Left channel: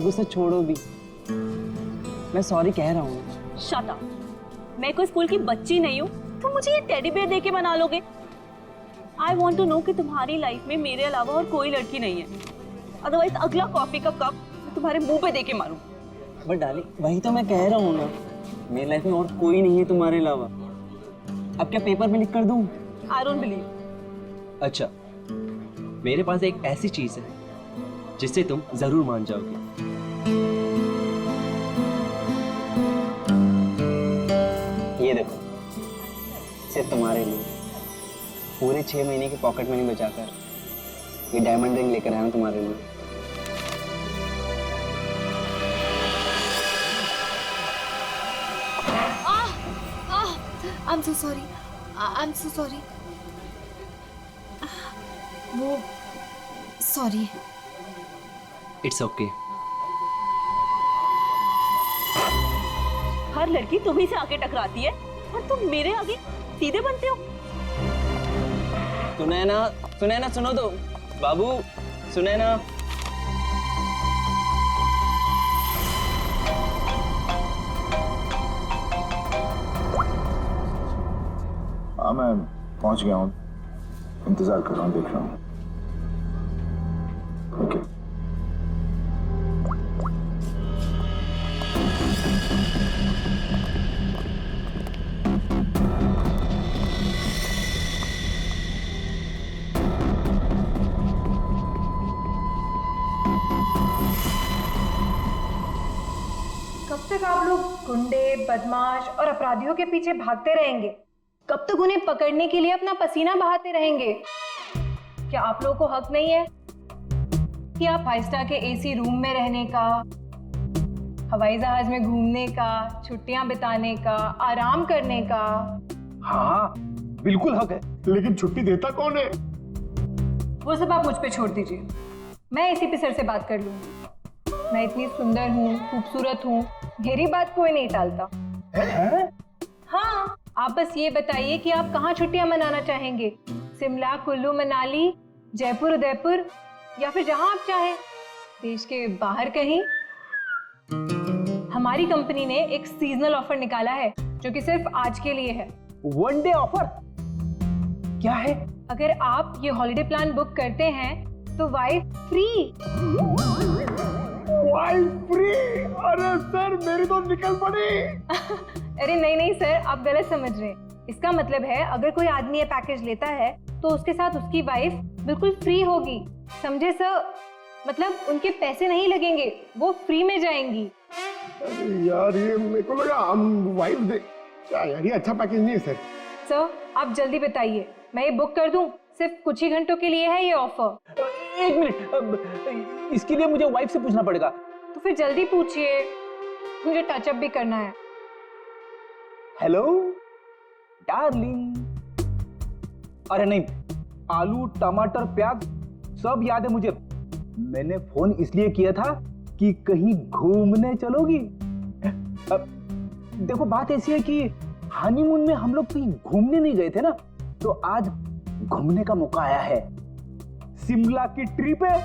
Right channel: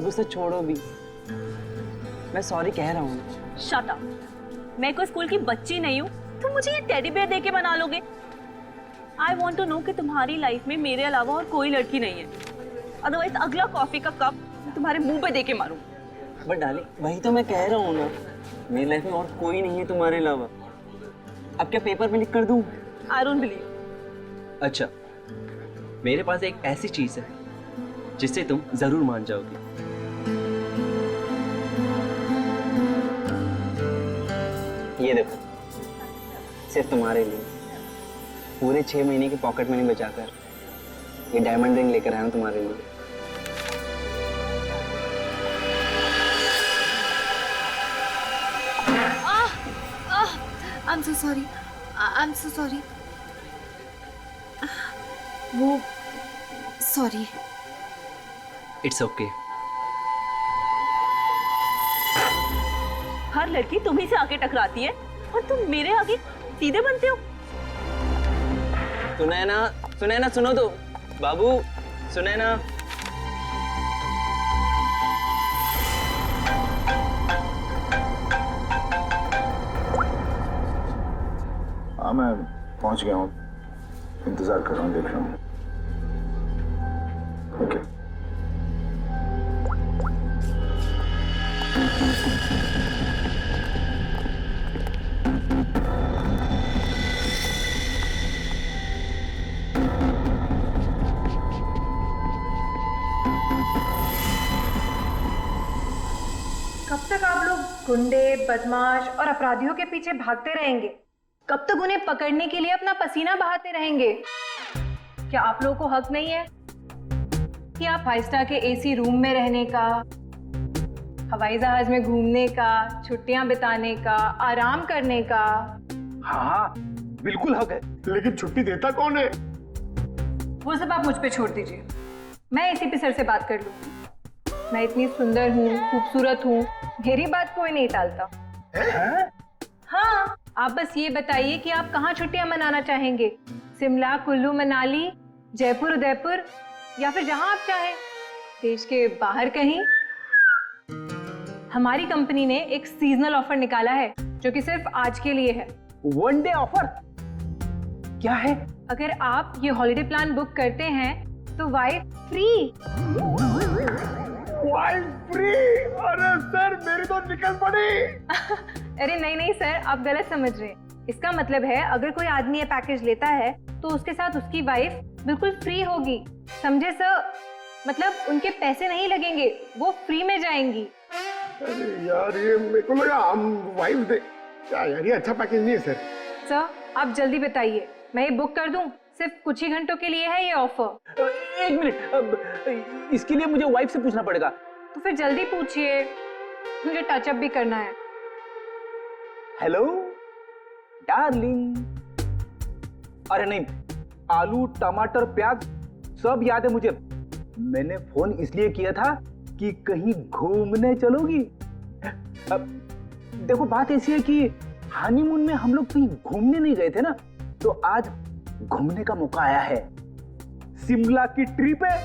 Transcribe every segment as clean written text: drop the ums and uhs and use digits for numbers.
अब उसे छोड़ो भी, मैं सॉरी कह रहा हूँ। Shut up. मैं कोई स्कूल की बच्ची नहीं हूँ, तुम मुझे ये टेडी बेयर देके मना लोगे? आई वॉन्ट टू नो कि तुम्हारी लाइफ में मेरे अलावा और कोई लड़की नहीं है, अदरवाइज अगला कॉफी का कप मैं तुम्हारे मुंह पे देके मारूं। बट डार्लिंग, वही तो मैं कह रहा हूँ ना, मेरी लाइफ में और कोई नहीं है तुम्हारे अलावा। अब क्या पेपर पे लिख कर दूं? I don't believe. अच्छा, मेरे पास एक ऐसी चीज है जिससे तुम जरूर मान जाओगी। ये देखो, सिर्फ तुम्हारे लिए पूरे 6 महीने की पॉकेट मनी बचाकर ये डायमंड रिंग लेकर आया हूं तुम्हारे लिए। I'm so sorry. I'm so sorry. वो सॉरी। It's okay. हर लड़की तुम्ही से आके टकराती है और तुम मेरे आगे सीधे बनते हो। सुनैना, सुनैना सुनो तो, बाबू सुनैना। हाँ, मैं पहुंच गया हूँ, इंतजार कर रहा हूँ, देख रहा हूँ। ओके। कब तक आप लोग गुंडे, बदमाश और अपराधियों के पीछे भागते रहेंगे? कब तक उन्हें पकड़ने के लिए अपना पसीना बहाते रहेंगे? क्या आप लोगों को हक नहीं है कि आप 5 स्टार के एसी रूम में रहने का, हवाई जहाज में घूमने का, छुट्टियां बिताने का, आराम करने का? हाँ, बिल्कुल हक है, लेकिन छुट्टी देता कौन है? वो सब आप मुझ पे छोड़ दीजिए, मैं एसीपी सर से बात कर लूंगी। मैं इतनी सुंदर हूँ, खूबसूरत हूँ, मेरी बात कोई नहीं टालता। हाँ, आप बस ये बताइए कि आप कहाँ छुट्टियां मनाना चाहेंगे? शिमला, कुल्लू, मनाली, जयपुर, उदयपुर, या फिर जहां आप चाहें, देश के बाहर कहीं। हमारी कंपनी ने एक सीजनल ऑफर निकाला है जो कि सिर्फ आज के लिए है। वन डे ऑफर क्या है? अगर आप ये हॉलिडे प्लान बुक करते हैं तो वाइफ फ्री। Wife free? अरे सर, मेरी तो निकल पड़ी। अरे नहीं नहीं सर, आप गलत समझ रहे हैं। इसका मतलब है अगर कोई आदमी ये पैकेज लेता है तो उसके साथ उसकी वाइफ बिल्कुल फ्री होगी, समझे सर? मतलब उनके पैसे नहीं लगेंगे, वो फ्री में जाएंगी। अरे यार, ये मेरे को लगा हम वाइफ दे। क्या यार, ये अच्छा पैकेज नहीं है सर। सर आप जल्दी बताइए, मैं ये बुक कर दूं? सिर्फ कुछ ही घंटों के लिए है ये ऑफर। एक मिनट, अब इसके लिए मुझे वाइफ से पूछना पड़ेगा। तो फिर जल्दी पूछिए, मुझे टचअप भी करना है। Hello darling. अरे नहीं, आलू, टमाटर, प्याज सब याद है मुझे। मैंने फोन इसलिए किया था कि कहीं घूमने चलोगी। अब देखो, बात ऐसी है कि हनीमून में हम लोग कहीं घूमने नहीं गए थे ना, तो आज घूमने का मौका आया है। शिमला की ट्रिप है,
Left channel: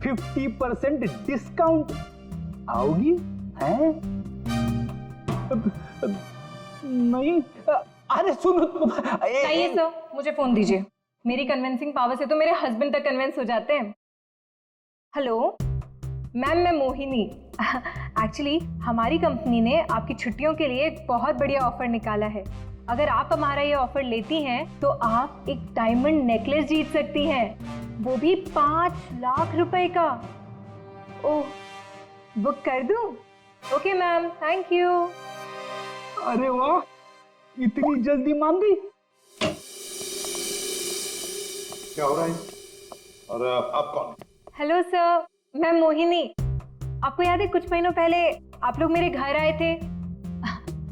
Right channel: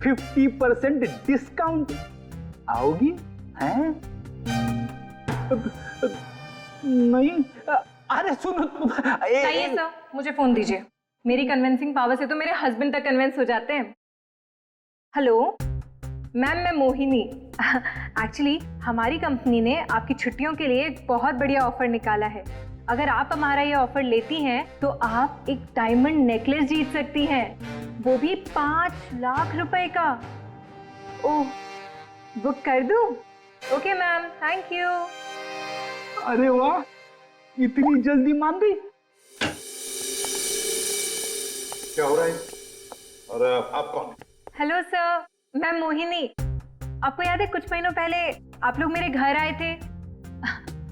50% डिस्काउंट। आओगी? हैं? नहीं, अरे सुनो। चाहिए सर, मुझे फोन दीजिए। मेरी कन्विंसिंग पावर से तो मेरे हस्बैंड तक कन्विंस हो जाते हैं। हेलो मैम, मैं मोहिनी। एक्चुअली हमारी कंपनी ने आपकी छुट्टियों के लिए एक बहुत बढ़िया ऑफर निकाला है। अगर आप हमारा ये ऑफर लेती हैं तो आप एक डायमंड नेकलेस जीत सकती हैं, वो भी 5 लाख रुपए का। ओह, बुक कर दूं? Okay ma'am, thank you. अरे वाह, इतनी जल्दी मान गई। क्या हो रहा है? और आप कौन? हेलो सर, मैं मोहिनी। आपको याद है कुछ महीनों पहले आप लोग मेरे घर आए थे?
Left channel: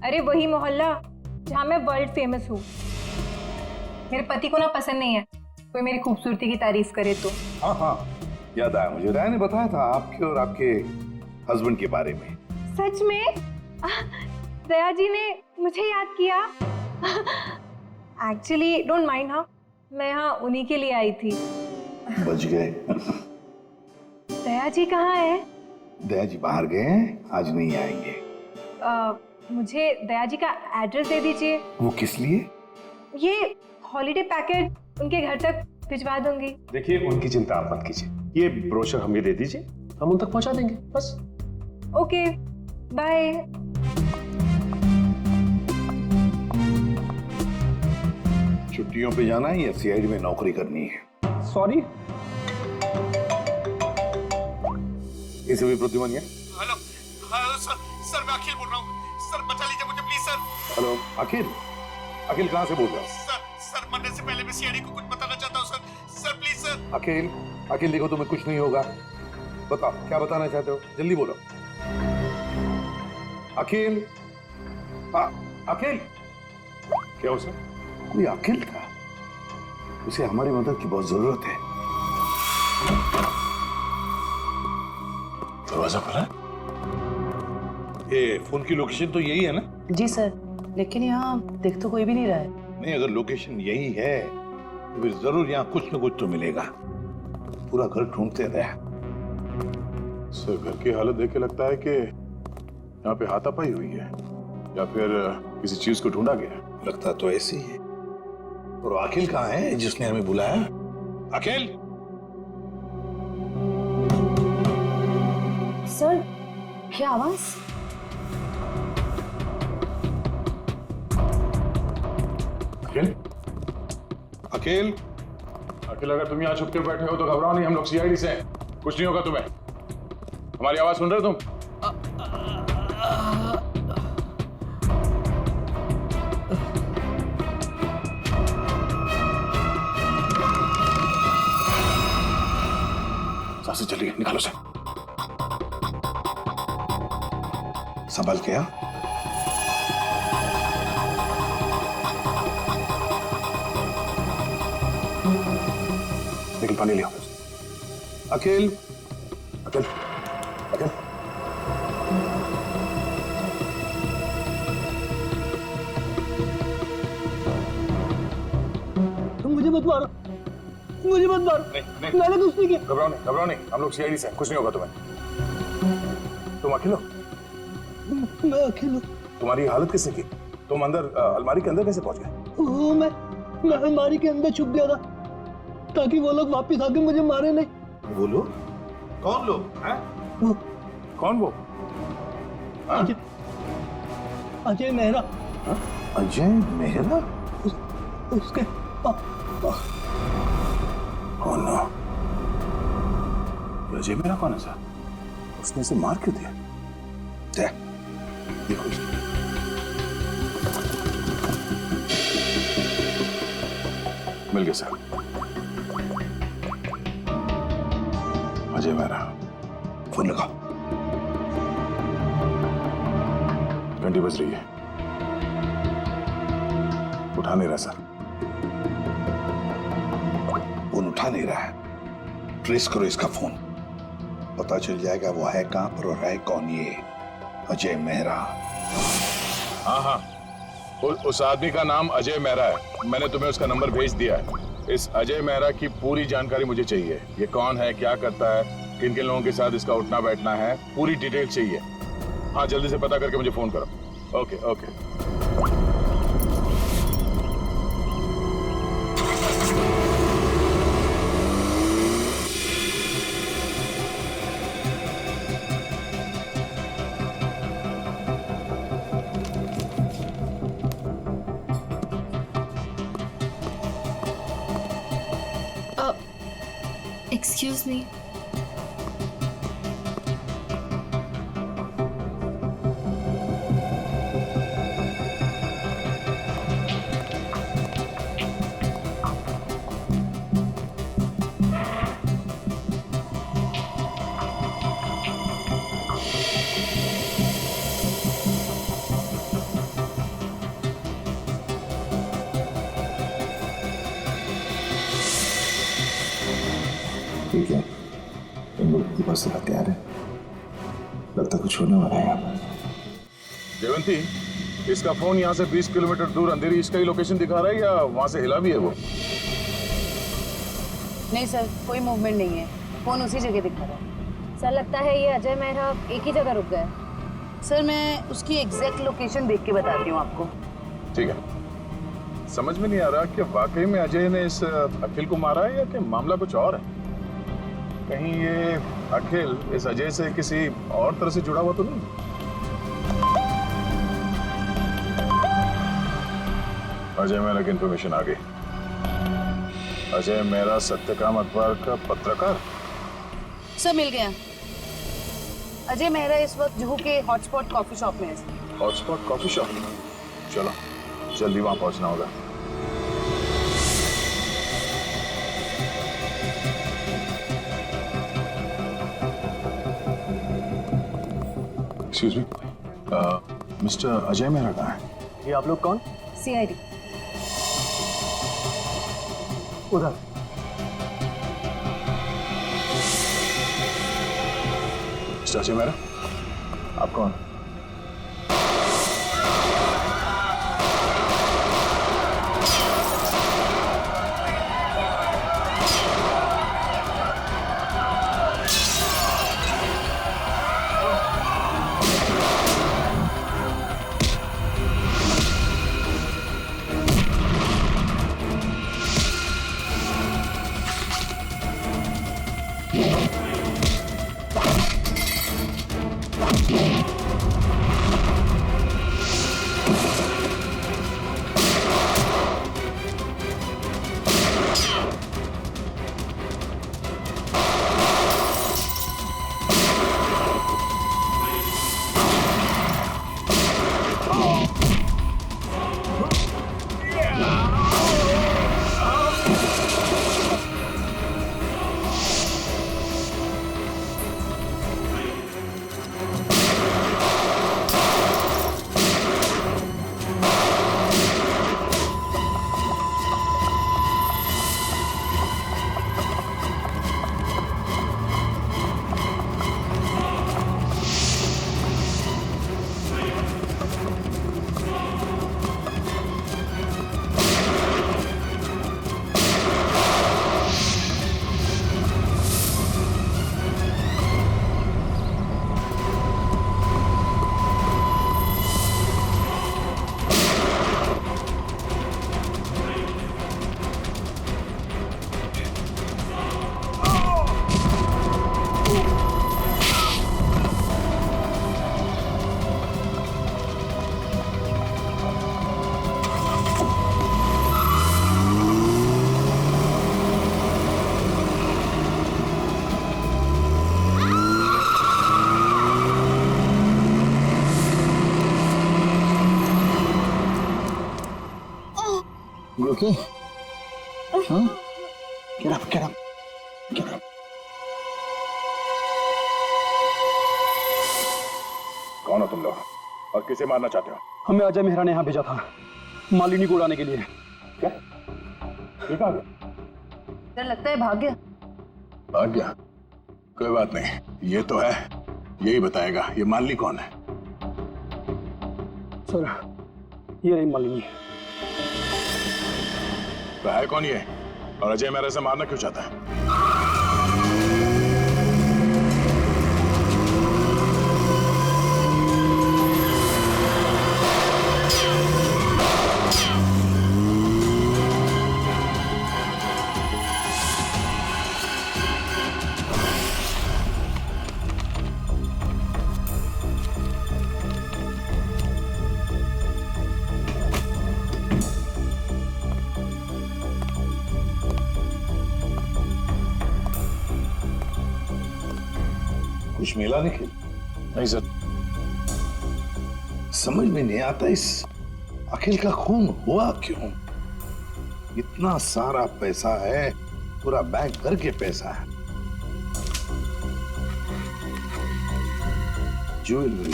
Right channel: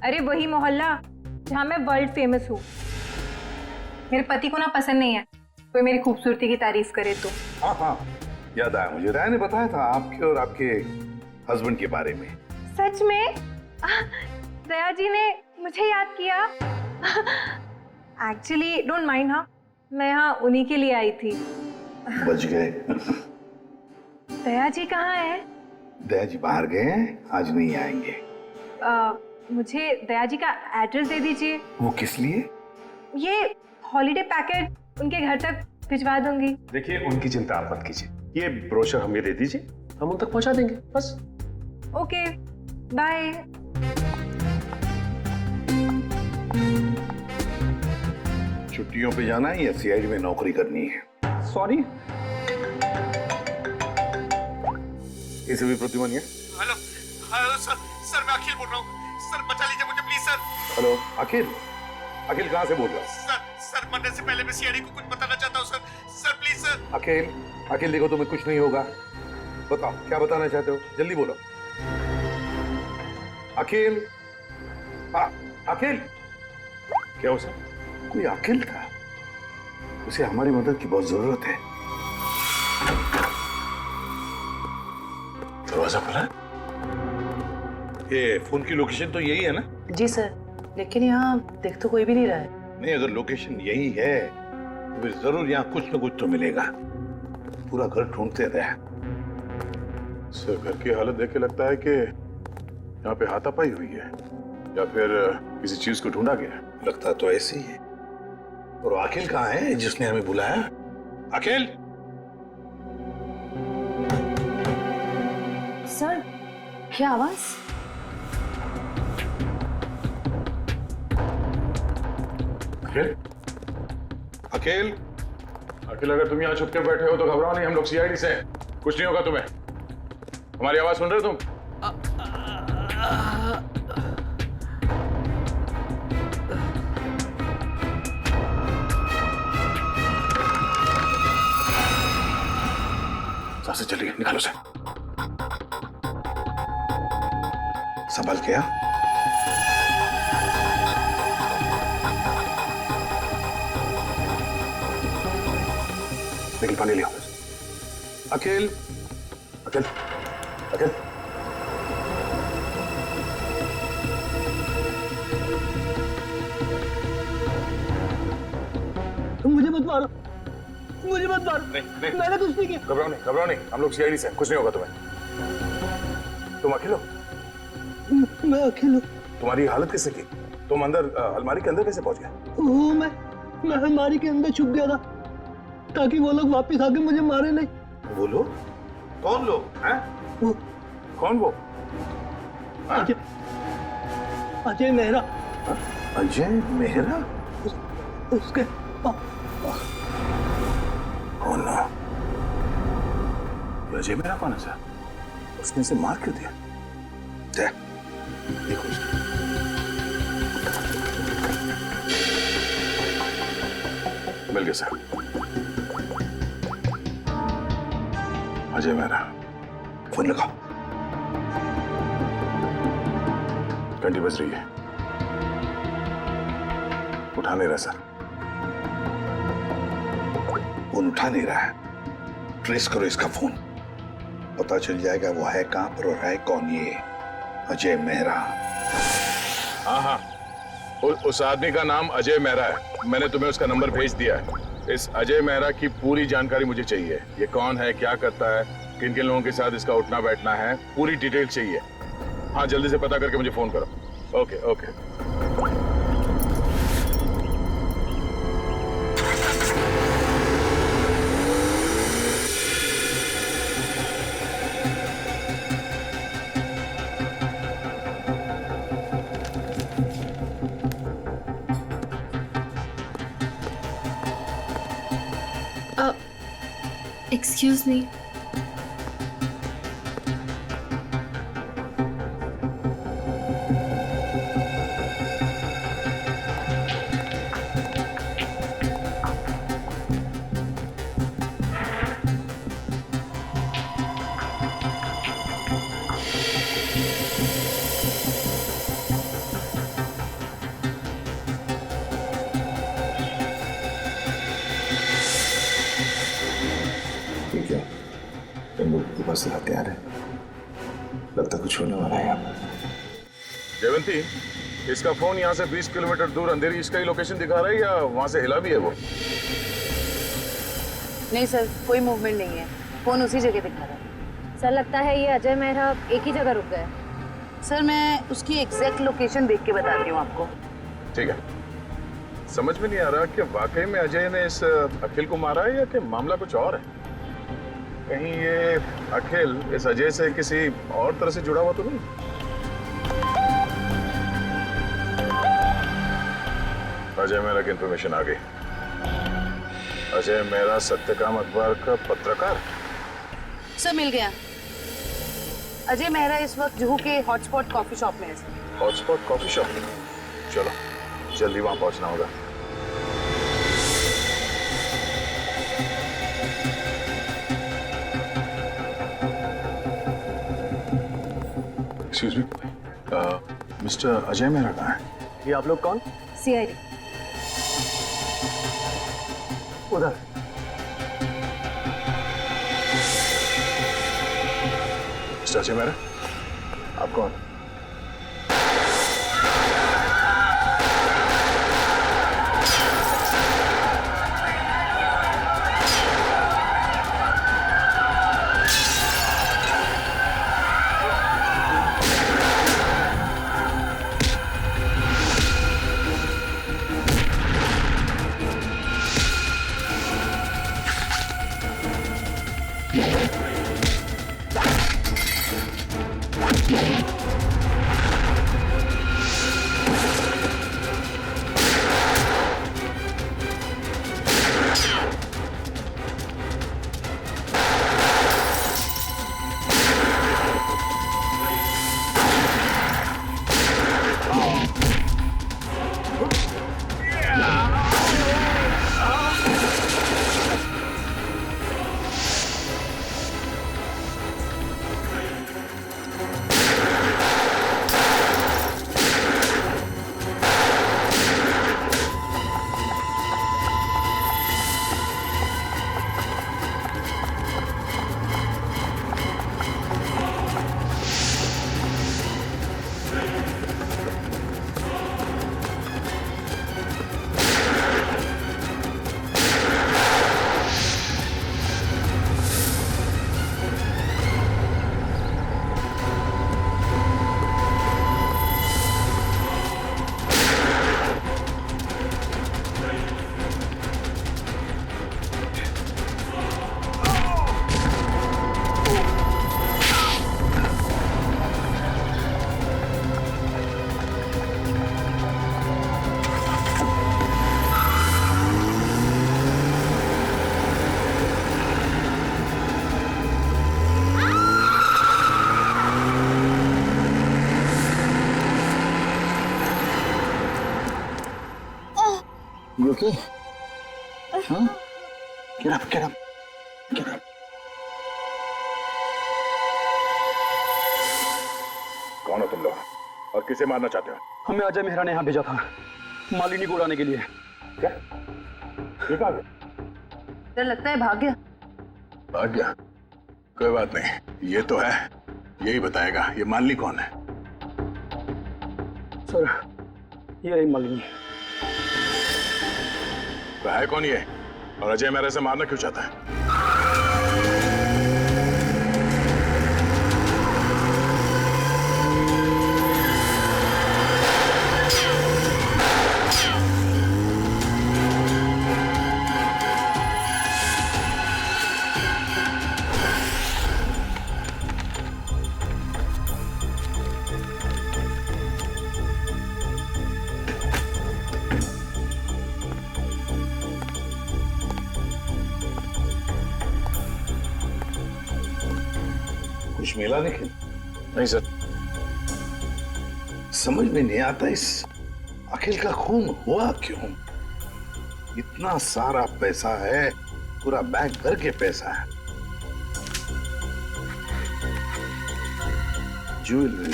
अरे वही मोहल्ला जहाँ मैं वर्ल्ड फेमस हूँ। मेरे पति को ना पसंद नहीं है कोई मेरी खूबसूरती की तारीफ करे तो। हाँ हाँ, याद आया मुझे। राय ने बताया था आपके और आपके हस्बैंड के बारे में। सच में? दया जी ने मुझे याद किया। एक्चुअली डोंट माइंड, हाँ मैं यहाँ उन्हीं के लिए आई थी। बच गए। दया जी कहाँ है? दया जी बाहर गए हैं, आज नहीं आएंगे। मुझे दया जी का एड्रेस दे दीजिए। वो किस लिए? ये हॉलीडे पैकेट उनके घर तक भिजवा दूंगी। देखिए, उनकी चिंता आप मत कीजिए, ये ब्रोशर हमें दे दीजिए, हम उन तक पहुंचा देंगे बस। Okay, bye. छुट्टियों पे जाना है या सीआईडी में नौकरी करनी है? सॉरी। इसे भी प्रतिमान है। हेलो हेलो सर, सर मैं अखिल बोल रहा हूँ, सर बचा लीजिए मुझे प्लीज सर। हेलो अखिल, अखिल कहाँ से बोल रहा हूँ? सर मरने से पहले मैं सीआईडी को कुछ बताना चाहता हूँ सर प्लीज सर। अखिल, अखिल देखो तुम्हें कुछ नहीं होगा, बताओ क्या बताना चाहते हो, जल्दी बोलो। अखिल, अखिल। क्या हो सर? कोई अखिल था, उसे हमारी मदद की बहुत जरूरत है। दरवाजा खुला है? ये फोन की लोकेशन तो यही है ना? जी सर, लेकिन यहाँ देख तो कोई भी नहीं रहा है। नहीं, अगर लोकेशन यही है तो फिर जरूर यहाँ कुछ न कुछ तो मिलेगा। पूरा घर ढूंढते रहे। सर घर की हालत देख के लगता है कि यहाँ पे हाथापाई हुई है या फिर किसी चीज को ढूंढा गया है। लगता तो ऐसे ही है। और अखिल कहाँ है जिसने हमें बुलाया? अखिल! सर, क्या आवाज? अखिल? अखिल! अखिल, अगर तुम यहाँ छुप के बैठे हो तो घबराओ नहीं, हम लोग सीआईडी से हैं, कुछ नहीं होगा तुम्हें। हमारी आवाज सुन रहे हो तुम? सांसें चली गई, निकालो से। संभल के आ। निकल, पानी लिया। अखिल, अखिल, अखिल। मुझे मत मारो, मुझे मत मारो। नहीं, मैंने कुछ नहीं किया। घबराओ नहीं, हम लोग सीआईडी से हैं, कुछ नहीं होगा तुम्हें। तुम अखिल हो? मैं अखिल हूँ। तुम्हारी हालत किसने की? तुम अंदर अलमारी के अंदर कैसे पहुंच गए? वो मैं अलमारी के अंदर छुप गया था ताकि वो लोग वापस आके मुझे मारे नहीं। वो लोग? कौन लोग हैं? वो कौन वो? अजय, अजय मेहरा। अजय मेहरा? उसके Oh no. अजय मेरा कौन है सर? उसने इसे मार क्यों दिया? देखो इसको। मिल गया सर। अजय मेरा। फोन लगाओ। घंटी बज रही है, उठा नहीं रहा सर। फोन उठा नहीं रहा है। ट्रेस करो इसका फोन, पता चल जाएगा वो है कहां पर और है कौन ये अजय मेहरा। हाँ, उस आदमी का नाम अजय मेहरा है। मैंने तुम्हें उसका नंबर भेज दिया है। इस अजय मेहरा की पूरी जानकारी मुझे चाहिए। ये कौन है, क्या करता है, किन किन लोगों के साथ इसका उठना बैठना है, पूरी डिटेल चाहिए। हाँ, जल्दी से पता करके मुझे फोन करो। Okay okay. Excuse me. ठीक है, इन लोगों के पास हथियार है, लगता कुछ होने वाला है यहाँ पर। जयवंती, इसका फोन यहाँ से 20 किलोमीटर दूर अंधेरी इसका ही लोकेशन दिखा रहा है या वहां से हिला भी है वो? नहीं सर, कोई मूवमेंट नहीं है, फोन उसी जगह दिखा रहा है। सर लगता है ये अजय मेहरा एक ही जगह रुक गए। सर मैं उसकी एग्जैक्ट लोकेशन देख के बताती हूँ आपको। ठीक है, समझ में नहीं आ रहा कि वाकई में अजय ने इस अखिल को मारा है या कि मामला कुछ और है। कहीं ये अखिल इस अजय से किसी और तरह से जुड़ा हुआ तो नहीं? अजय मेहरा की इंफॉर्मेशन आ गई। अजय मेहरा सत्यकाम अखबार का पत्रकार। सर मिल गया। अजय मेहरा इस वक्त जुहू के हॉटस्पॉट कॉफी शॉप में है। हॉटस्पॉट कॉफी शॉप, चलो जल्दी वहां पहुंचना होगा। Excuse me, mister Ajay Mehra कहाँ है? ये आप लोग कौन? सीआईडी। उधर। मिस्टर अजय मेहरा, आप कौन? You okay? Huh? Get up, get up, get up. कौन हो तुम लोग और किसे मारना चाहते हो? हमें अजय मेहरा ने यहाँ भेजा था मालिनी को उड़ाने के लिए। क्या? ये कहाँ गया? सर लगता है भाग गया। भाग गया? कोई बात नहीं, ये तो है, यही बताएगा ये मालिनी कौन है। सर ये रही मालिनी। तो है कौन ये और अजय मेहरा से मारना क्यों चाहता है? कुछ मिला निखिल? नहीं सर। समझ में नहीं आता इस अखिल का खून हुआ क्यों? इतना सारा पैसा है, पूरा बैंक भर के पैसा है, ज्वेलरी,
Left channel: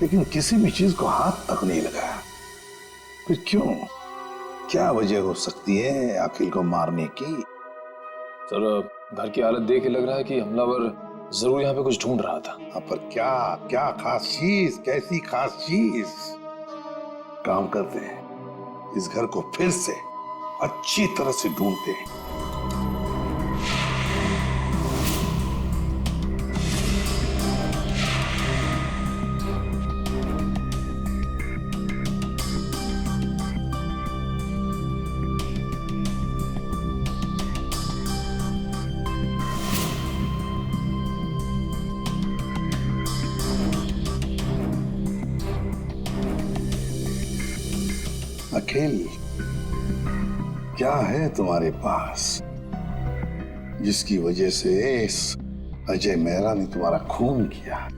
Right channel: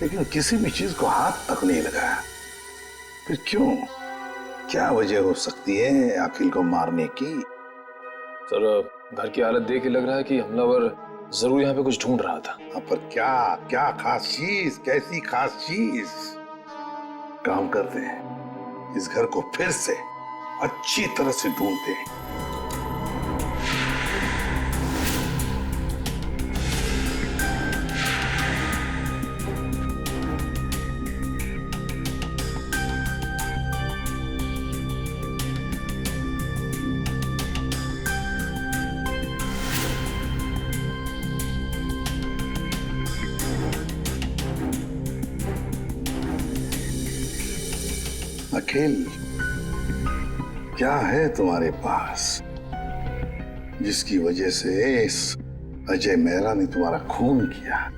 लेकिन किसी भी चीज को हाथ तक नहीं लगाया। फिर क्यों? क्या वजह हो सकती है अखिल को मारने की? सर घर की हालत देख के लग रहा है कि हमलावर जरूर यहाँ पे कुछ ढूंढ रहा था। पर क्या क्या खास चीज, कैसी खास चीज? काम करते हैं, इस घर को फिर से अच्छी तरह से ढूंढते हैं। अखिल, क्या है तुम्हारे पास जिसकी वजह से इस अजय मेहरा ने तुम्हारा खून किया?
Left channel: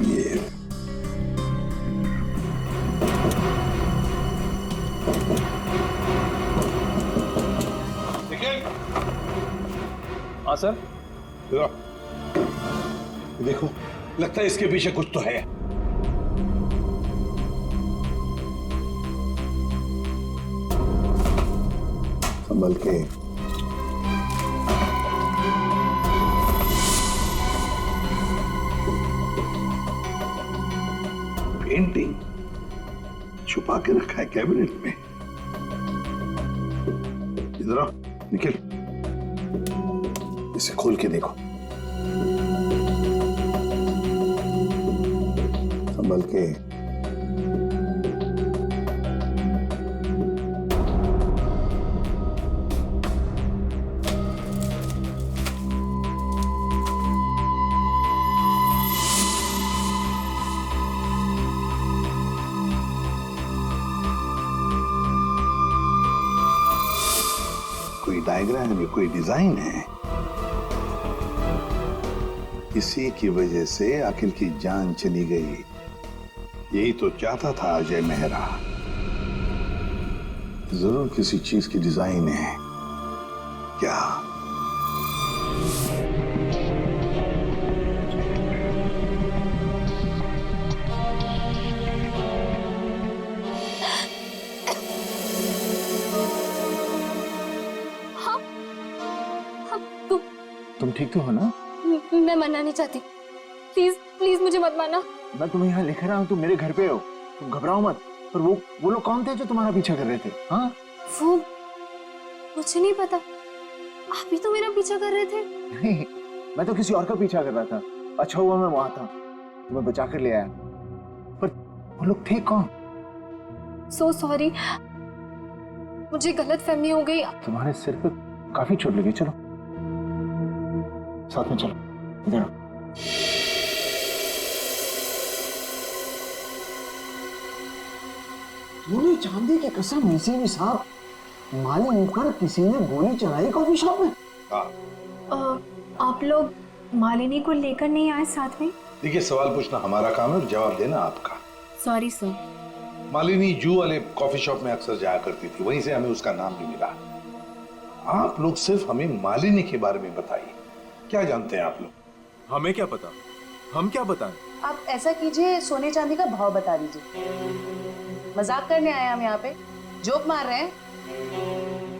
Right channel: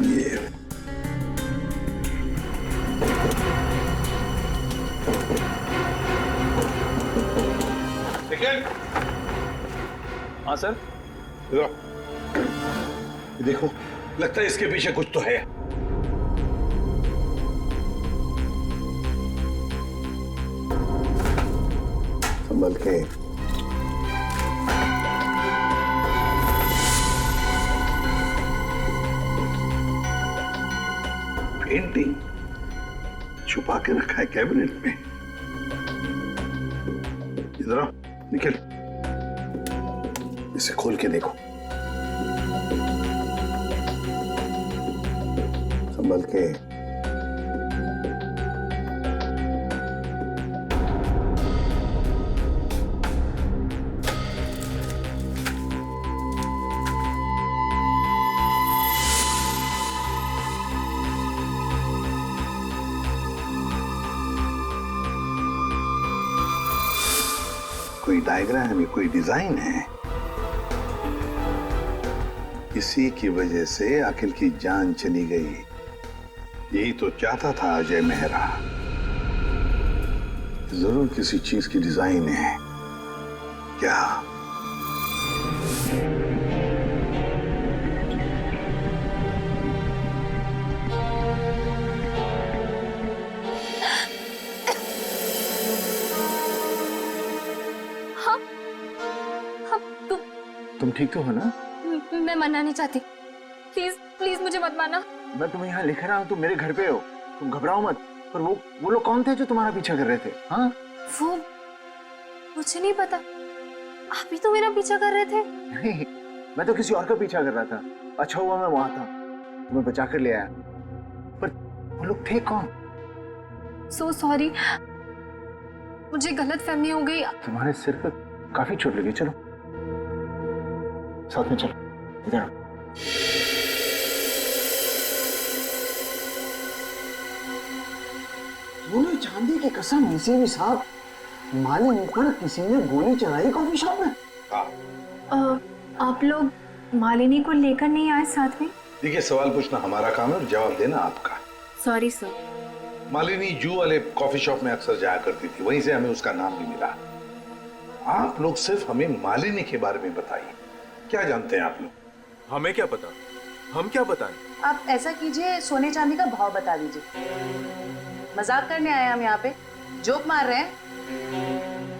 ये निखिल, हाँ सर। ये देखो, लगता है इसके पीछे कुछ तो है। संभल के। पेंटिंग छुपा के रखा है कैबिनेट में। इधर आओ निखिल, इसे खोल के देखो। संभल के। कोई डायग्राम है, कोई डिजाइन है। इसी की वजह से अखिल की जान चली गई। यही तो चाहता था अजय मेहरा। जरूर किसी चीज की डिजाइन है। क्या? तुम ठीक तो हो ना? मैं मरना नहीं चाहती, प्लीज प्लीज मुझे मत मारना। मैं तुम्हें यहाँ लिख रहा हूँ, तुम मेरे घर पे हो, तुम घबराओ मत। पर वो लोग कौन थे जो तुम्हारा पीछा कर रहे थे? हाँ, वो मुझे नहीं पता, आप ही तो मेरा पीछा कर रहे थे। नहीं, मैं तो किसी और का पीछा कर रहा था। अच्छा हुआ मैं वहां था, तुम्हें बचा कर ले आया। पर वो लोग थे कौन? सो सॉरी, मुझे गलत फहमी हो गई। तुम्हारे सिर पे काफी चोट लगी। चलो साथ में चलो, इधर। सोने चांदी की कसम, नसीबी साहब, मालिनी पर किसी ने गोली चलाई कॉफी शॉप में। आप लोग मालिनी को लेकर नहीं आए साथ में? देखिए, सवाल पूछना हमारा काम है और जवाब देना आपका। Sorry sir. मालिनी जू वाले कॉफी शॉप में अक्सर जाया करती थी, वहीं से हमें उसका नाम भी मिला। आप लोग सिर्फ हमें मालिनी के बारे में बताइए, क्या जानते हैं आप लोग? हमें क्या पता, हम क्या बताएं? आप ऐसा कीजिए, सोने चांदी का भाव बता दीजिए। मजाक करने आए हम यहाँ पे, जोक मार रहे हैं?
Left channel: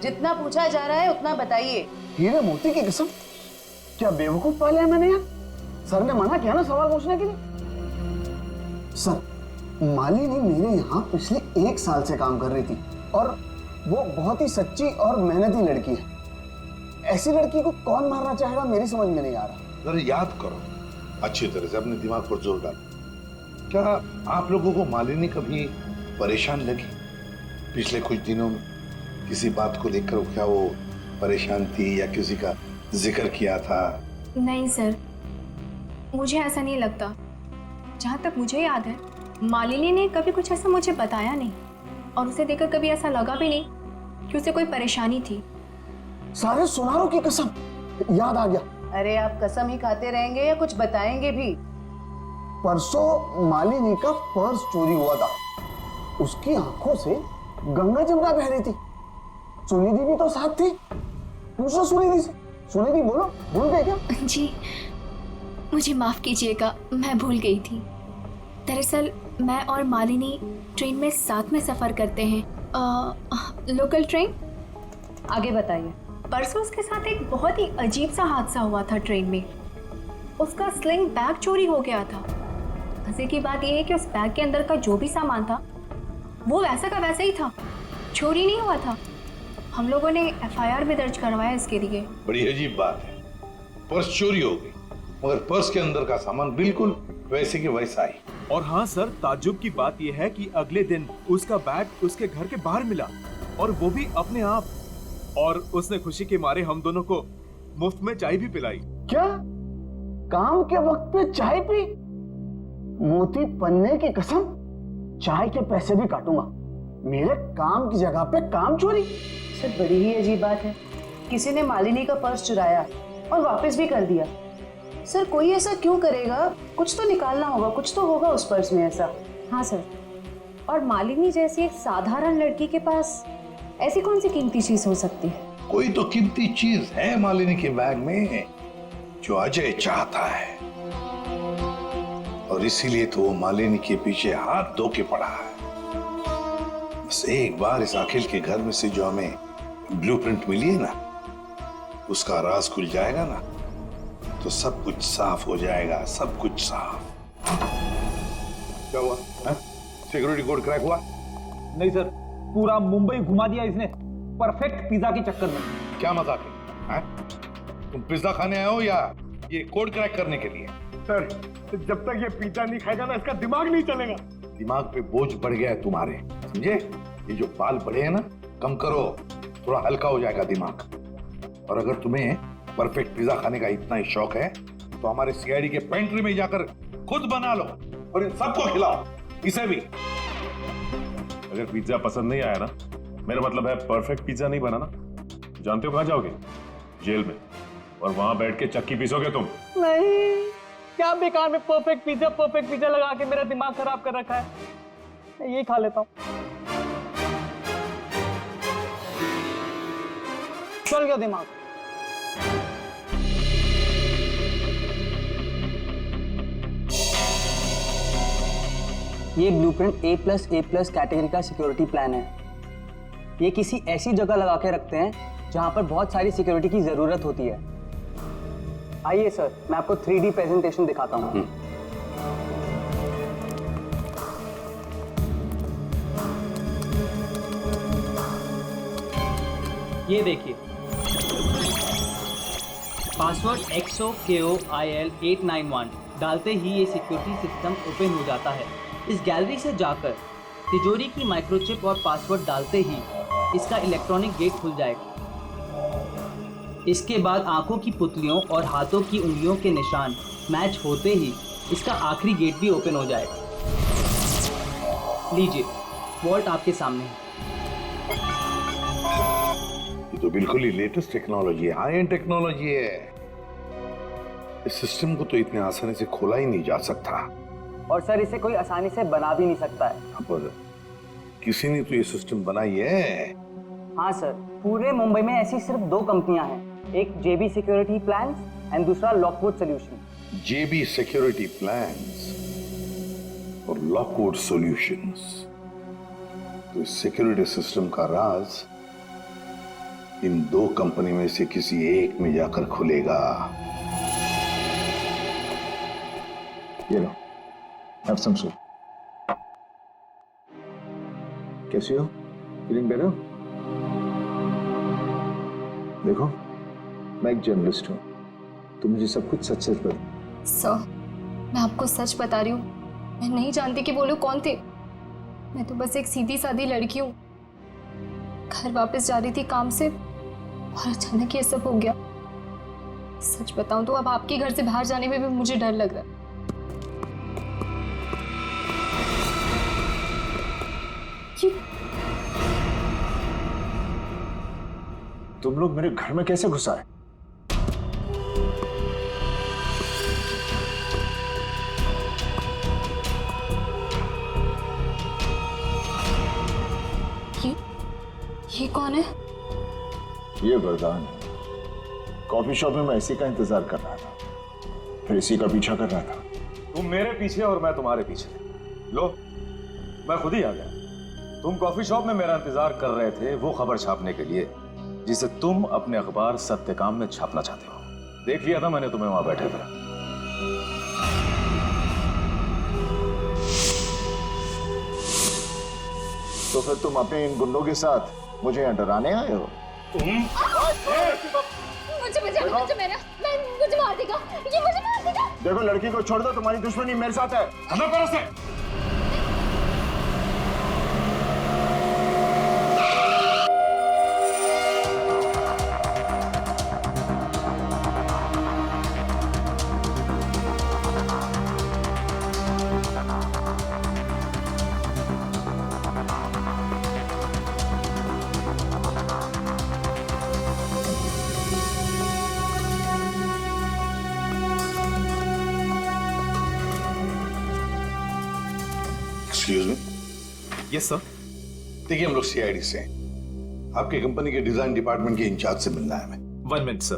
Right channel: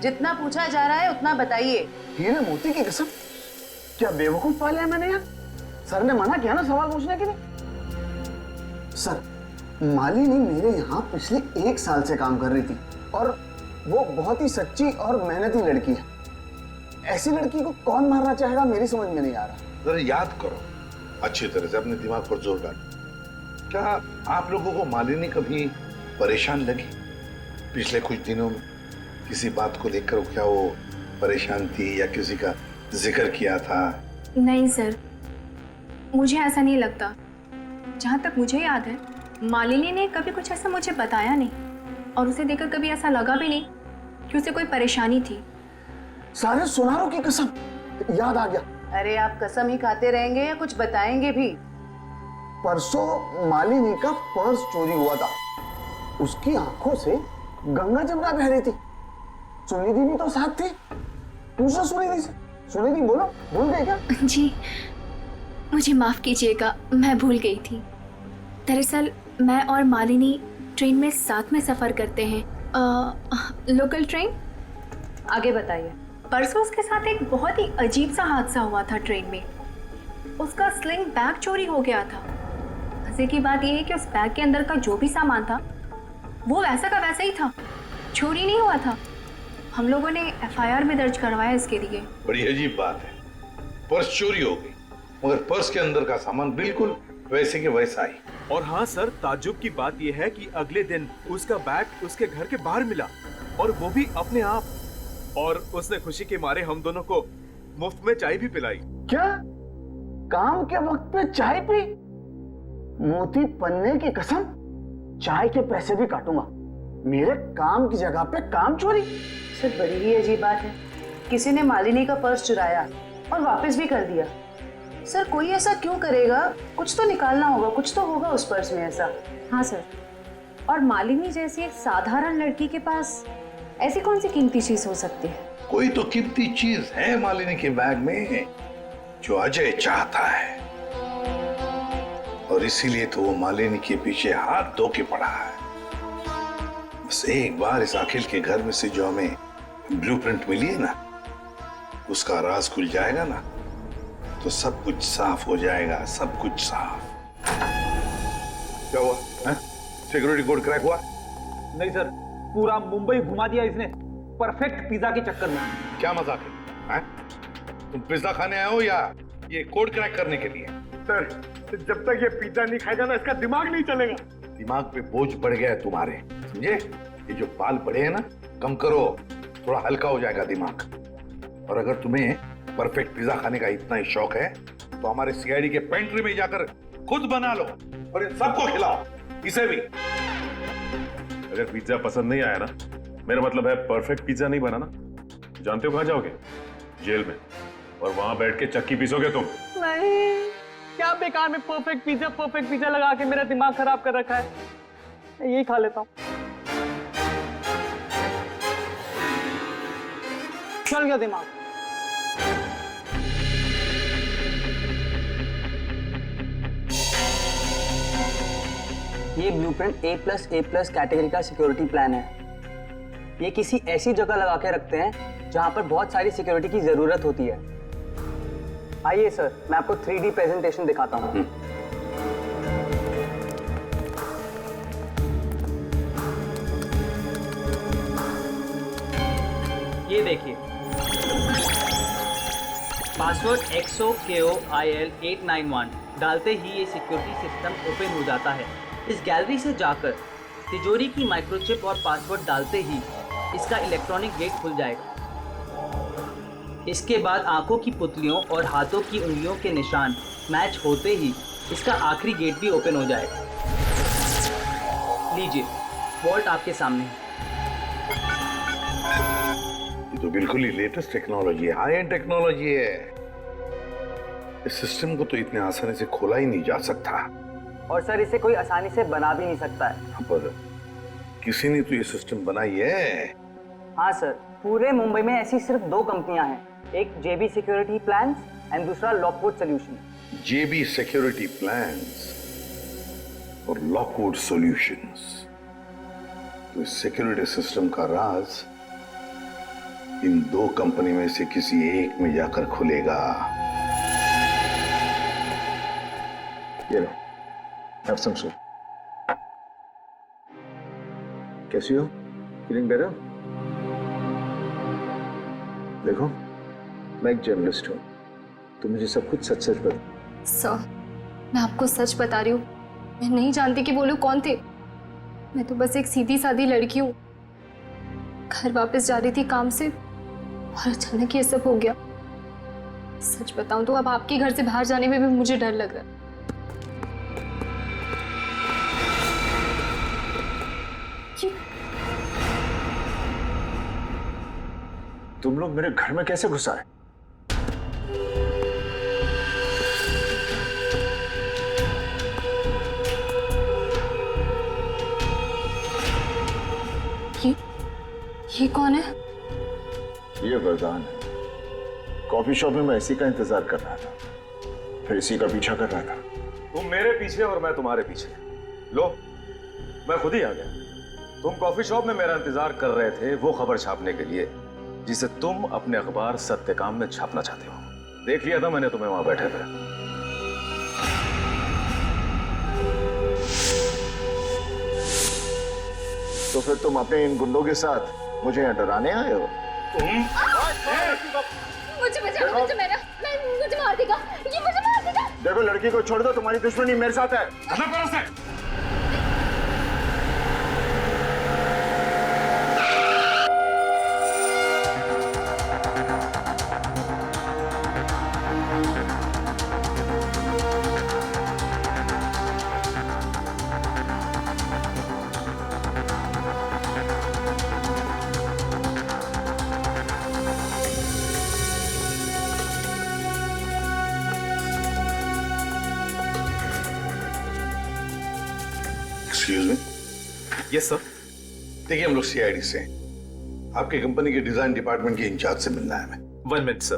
जितना पूछा जा रहा है उतना बताइए। हीरे मोती की कसम, क्या बेवकूफ पाले हैं मैंने यार। सर ने मना किया ना सवाल पूछने के लिए। सर, मालिनी मेरे यहाँ पिछले 1 साल से काम कर रही थी और वो बहुत ही सच्ची और मेहनती लड़की है। ऐसी लड़की को कौन मारना चाहेगा, मेरी समझ में नहीं आ रहा। जरा याद करो अच्छी तरह से, अपने दिमाग पर जोर डालो। क्या आप लोगों को मालिनी कभी परेशान लगी पिछले कुछ दिनों में? किसी बात को लेकर क्या वो परेशान थी या किसी का जिक्र किया था? नहीं सर, मुझे ऐसा नहीं लगता। जहाँ तक मुझे याद है, मालिनी ने कभी कुछ ऐसा मुझे बताया नहीं और उसे देखकर कभी ऐसा लगा भी नहीं कि उसे कोई परेशानी थी। सारे सुनारों की कसम, याद आ गया। अरे आप कसम ही खाते रहेंगे या कुछ बताएंगे भी? परसों मालिनी का पर्स चोरी हुआ था। उसकी आंखों से गंगा जमुना बह रही थी। सुनिधि भी तो साथ थी। पूछो सुनिधि से। सुनिधि बोलो, भूल गए क्या? जी मुझे माफ कीजिएगा, मैं भूल गई थी। दरअसल मैं और मालिनी ट्रेन में साथ में सफर करते हैं, लोकल ट्रेन। आगे बताइए। परसों उसके साथ एक बहुत ही अजीब सा हादसा हुआ था ट्रेन में। उसका स्लिंग बैग चोरी हो गया था मजे की बात यह है कि उस बैग के अंदर का जो भी सामान था वो वैसा का वैसा ही था, चोरी नहीं हुआ था। हम लोगों ने FIR भी दर्ज करवाया इसके लिए। बड़ी अजीब बात है, पर्स चोरी हो गई मगर पर्स के अंदर का सामान बिल्कुल वैसे के वैसा ही। और हाँ सर, ताज्जुब की बात यह है कि अगले दिन उसका बैग उसके घर के बाहर मिला और वो भी अपने आप, और उसने खुशी के मारे हम दोनों को मुफ्त में चाय भी पिलाई। क्या काम के वक्त पे चाय पी? मोती पन्ने की कसम, चाय के पैसे भी काटूंगा। मेरे काम की जगह पे काम चोरी। सर बड़ी ही अजीब बात है, किसी ने मालिनी का पर्स चुराया और वापस भी कर दिया। सर कोई ऐसा क्यों करेगा? कुछ तो निकालना होगा, कुछ तो होगा उस पर्स में ऐसा। हाँ सर, और मालिनी जैसी एक साधारण लड़की के पास ऐसी कौन सी कीमती चीज हो सकती है? कोई तो कीमती चीज है मालिनी के बैग में जो अजय चाहता है, और इसीलिए तो वो मालिनी के पीछे हाथ धो के पड़ा है। बस एक बार इस अखिल के घर में से जो हमें ब्लूप्रिंट मिली है ना, उसका राज खुल जाएगा ना, तो सब कुछ साफ हो जाएगा, सब कुछ साफ। क्या हुआ? सिक्योरिटी कोड क्रैक हुआ? नहीं सर, पूरा मुंबई घुमा दिया इसने परफेक्ट पिज्जा के चक्कर में। क्या मजाक है? तुम पिज्जा खाने आए हो या ये कोड क्रैक करने के लिए? सर जब तक ये पिज्जा नहीं खाएगा ना, इसका दिमाग नहीं चलेगा। दिमाग पे बोझ बढ़ गया है तुम्हारे, समझे? ये जो बाल बढ़े हैं ना, कम करो, थोड़ा हल्का हो जाएगा दिमाग। और अगर तुम्हें परफेक्ट पिज्जा खाने का इतना ही शौक है तो हमारे सीआईडी के पेंट्री में जाकर खुद बना लो और इन सबको खिलाओ, इसे भी। अगर पिज्जा पसंद नहीं आया ना, मेरा मतलब है परफेक्ट पिज्जा नहीं बना ना, जानते हो कहां जाओगे? जेल में, और वहां बैठ के चक्की पीसोगे तुम। नहीं, क्या बेकार में परफेक्ट पिज्जा लगा के मेरा दिमाग खराब कर रखा है। मैं यही खा लेता हूँ। चल गया दिमाग। ये ब्लूप्रिंट A+A+ कैटेगरी का सिक्योरिटी प्लान है। ये किसी ऐसी जगह लगा के रखते हैं जहां पर बहुत सारी सिक्योरिटी की जरूरत होती है। आइए सर, मैं आपको 3D प्रेजेंटेशन दिखाता हूं। ये देखिए, पासवर्ड XOKOIL891 डालते ही ये सिक्योरिटी सिस्टम ओपन हो जाता है। इस गैलरी से जाकर तिजोरी की माइक्रोचिप और पासवर्ड डालते ही इसका इलेक्ट्रॉनिक गेट खुल जाएगा। इसके बाद आंखों की पुतलियों और हाथों की उंगलियों के निशान मैच होते ही इसका आखिरी गेट भी ओपन हो जाएगा। लीजिए, वॉल्ट आपके सामने है। ये तो बिल्कुल ही लेटेस्ट टेक्नोलॉजी है, हाई एंड टेक्नोलॉजी है। इस सिस्टम को तो इतने आसानी से खोला ही नहीं जा सकता। और सर, इसे कोई आसानी से बना भी नहीं सकता है। पर किसी ने तो ये सिस्टम बनाई है। हाँ सर, पूरे मुंबई में ऐसी सिर्फ 2 कंपनियां हैं, एक JB सिक्योरिटी प्लान्स एंड दूसरा Lockwood solution. JB security plans और लॉकवुड सॉल्यूशंस। तो इस सिक्योरिटी सिस्टम का राज इन 2 कंपनी में से किसी एक में जाकर खुलेगा। ये लो, have some soup. कैसी हो? Feeling better? देखो, मैं एक जर्नलिस्ट हूँ, तो मुझे सब कुछ सच सच बता। सर, मैं आपको सच बता रही हूँ, मैं नहीं जानती कि वो लोग कौन थे। मैं तो बस एक सीधी सादी लड़की हूँ, घर वापस जा रही थी काम से और अचानक ये सब हो गया। सच बताऊं तो अब आपके घर से बाहर जाने में भी मुझे डर लग रहा है। तुम लोग मेरे घर में कैसे घुस आए? ये कौन है? ये वरदान है। कॉफी शॉप में मैं इसी का इंतजार कर रहा था, फिर इसी का पीछा कर रहा था। तुम मेरे पीछे और मैं तुम्हारे पीछे। लो, मैं खुद ही आ गया। तुम कॉफी शॉप में मेरा इंतजार कर रहे थे वो खबर छापने के लिए जिसे तुम अपने अखबार सत्यकाम में छापना चाहते हो। देख लिया था मैंने तुम्हें वहां बैठे थे। तो फिर तुम अपने इन गुंडों के साथ मुझे यहाँ डराने आए हो? मुझे मार देगा, ये मुझे मार देगा। देखो लड़की को छोड़ दो, तुम्हारी दुश्मनी मेरे साथ है। Excuse me. Yes sir. देखिए हम लोग सीआईडी से हैं। आपकी कंपनी के डिजाइन डिपार्टमेंट के इंचार्ज से मिलना है हमें। 1 मिनट सर।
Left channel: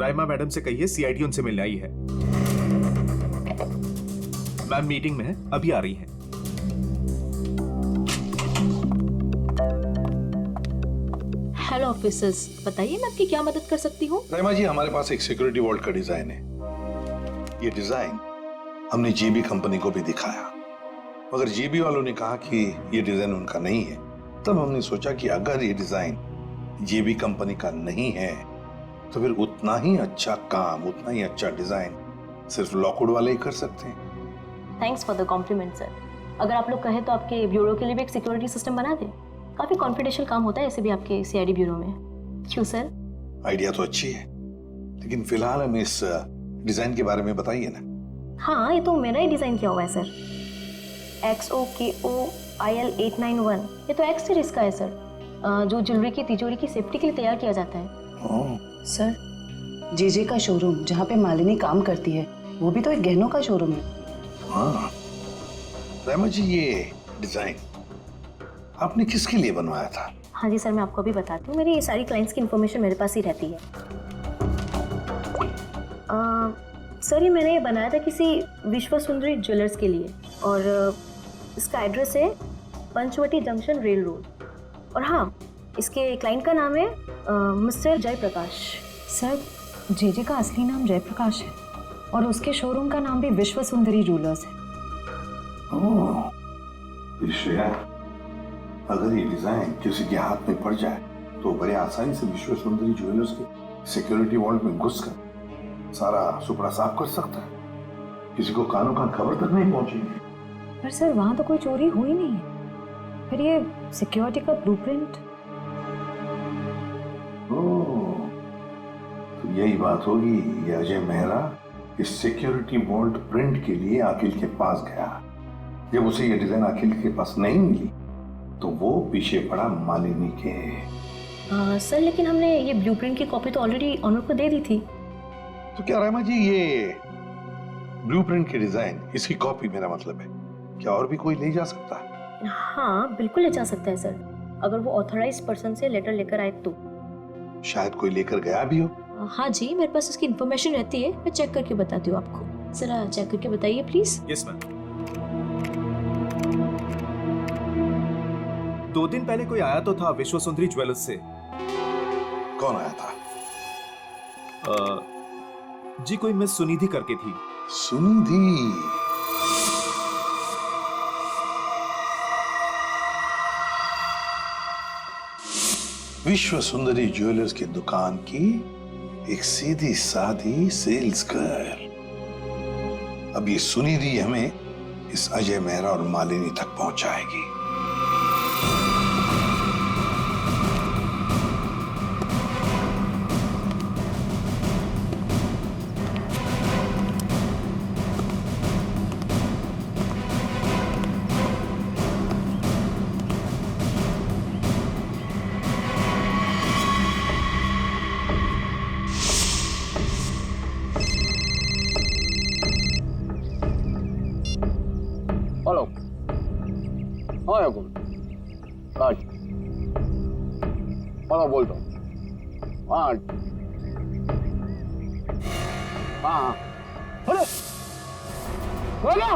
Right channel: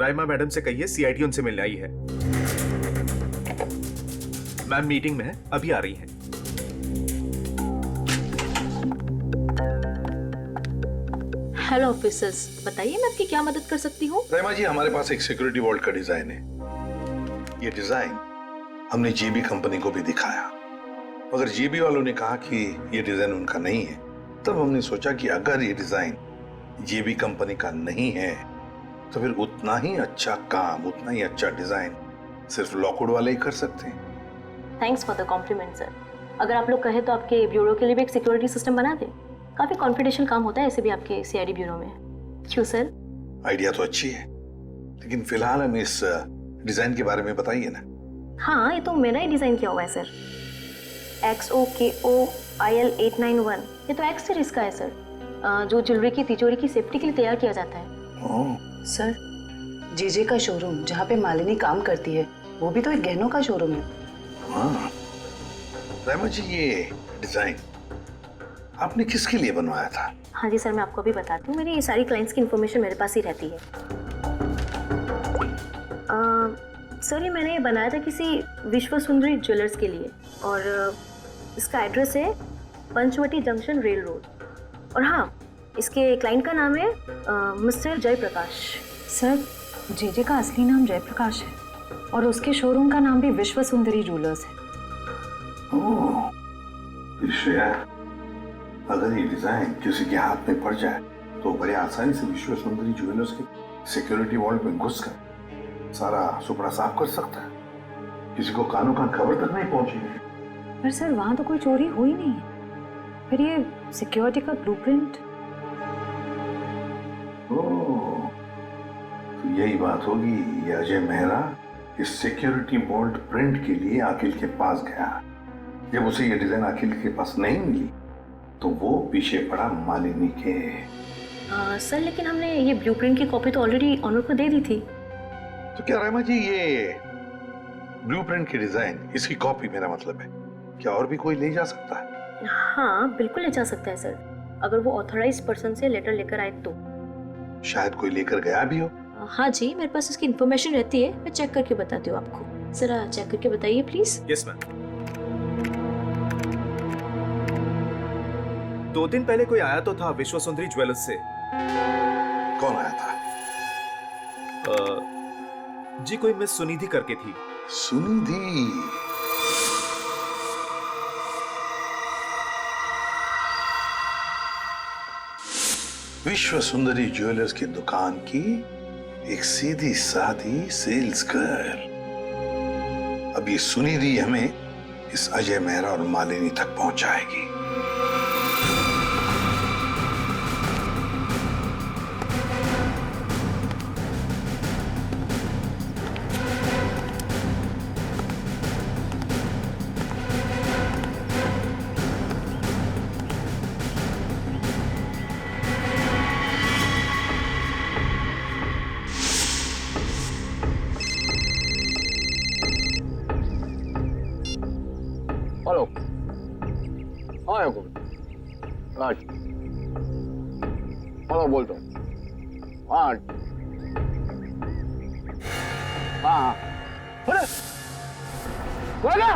राइमा मैडम से कहिए सीआईडी उनसे मिलने आई है। मैम मीटिंग में है, अभी आ रही हैं। हेलो ऑफिसर्स, बताइए मैं आपकी क्या मदद कर सकती हूँ? राइमा जी, हमारे पास एक सिक्योरिटी वॉल्ट का डिजाइन है। ये डिजाइन हमने जेबी कंपनी को भी दिखाया, मगर जेबी वालों ने कहा कि ये डिजाइन उनका नहीं है। तब हमने सोचा कि अगर ये डिजाइन जेबी कंपनी का नहीं है तो फिर उतना ही अच्छा काम, उतना ही अच्छा डिजाइन सिर्फ लॉकवुड वाले ही कर सकते हैं। Thanks for the compliment sir. अगर आप लोग कहें तो आपके ब्यूरो के लिए भी एक सिक्योरिटी सिस्टम बना दें। काफी कॉन्फिडेंशियल काम होता है ऐसे भी आपके सीआईडी ब्यूरो में। क्यों सर? आइडिया तो अच्छी है, लेकिन फिलहाल हमें इस डिजाइन के बारे में बताइए ना। हाँ, ये तो मेरा ही डिजाइन किया हुआ है सर। XOKOIL891, ये तो एक्स सीरीज का है सर, जो ज्वेलरी की तिजोरी की सेफ्टी के लिए तैयार किया जाता है। सर, जेजे का शोरूम जहाँ पे मालिनी काम करती है वो भी तो एक गहनों का शोरूम है। हाँ राइमा जी, ये डिजाइन आपने किसके लिए बनवाया था? हाँ जी सर, मैं आपको अभी बताती हूँ। मेरी सारी क्लाइंट्स की इन्फॉर्मेशन मेरे पास ही रहती है। सर, ये मैंने बनाया था किसी विश्व सुंदरी ज्वेलर्स के लिए, और इसका एड्रेस है पंचवटी जंक्शन रेल रोड। और हाँ, इसके क्लाइंट का नाम है मिस्टर जयप्रकाश। सर, जेजे का असली नाम जयप्रकाश है और उसके शोरूम का नाम भी विश्व सुंदरी ज्वेलर्स है। ओह, श्रेया, अगर ये डिजाइन किसी के हाथ में पड़ जाए तो बड़े आसानी से विश्व सुंदरी ज्वेलर्स के सिक्योरिटी वॉल्ट में घुसकर सारा सुपड़ा साफ कर सकता है। किसी को कानों कान खबर तक नहीं पहुंचेगी। पर सर, वहां तो कोई चोरी हुई नहीं है। फिर ये सिक्योरिटी का ब्लूप्रिंट। ओह, तो यही बात होगी। ये अजय मेहरा इस सिक्योरिटी वॉल्ट प्रिंट के लिए अखिल के पास गया। जब उसे ये डिजाइन अखिल के पास नहीं मिली तो वो पीछे पड़ा मालिनी के। सर, लेकिन हमने ये ब्लूप्रिंट की कॉपी तो ऑलरेडी ऑनर को दे दी थी। तो क्या रामा जी, ये ब्लूप्रिंट की डिजाइन, इसकी कॉपी मेरा मतलब है, क्या और भी कोई ले जा सकता है? हाँ, बिल्कुल ले जा सकता है सर, अगर वो ऑथराइज्ड पर्सन से लेटर लेकर आए तो। शायद कोई लेकर गया भी हो। हाँ जी, मेरे पास इसकी इन्फॉर्मेशन रहती है, मैं चेक करके बताती हूँ आपको। जरा चेक करके बताइए प्लीज। Yes ma'am. 2 दिन पहले कोई आया तो था विश्व सुंदरी ज्वेलर्स से। कौन आया था? जी, कोई मिस सुनिधि करके थी। सुनिधि? विश्व सुंदरी ज्वेलर्स की दुकान की एक सीधी सादी सेल्स गर्ल। अब ये सुनिधि हमें इस अजय मेहरा और मालिनी तक पहुंचाएगी। हेलो, हाँ याकूब, हेलो बोलता हूँ। हाँ हाँ, अरे बोला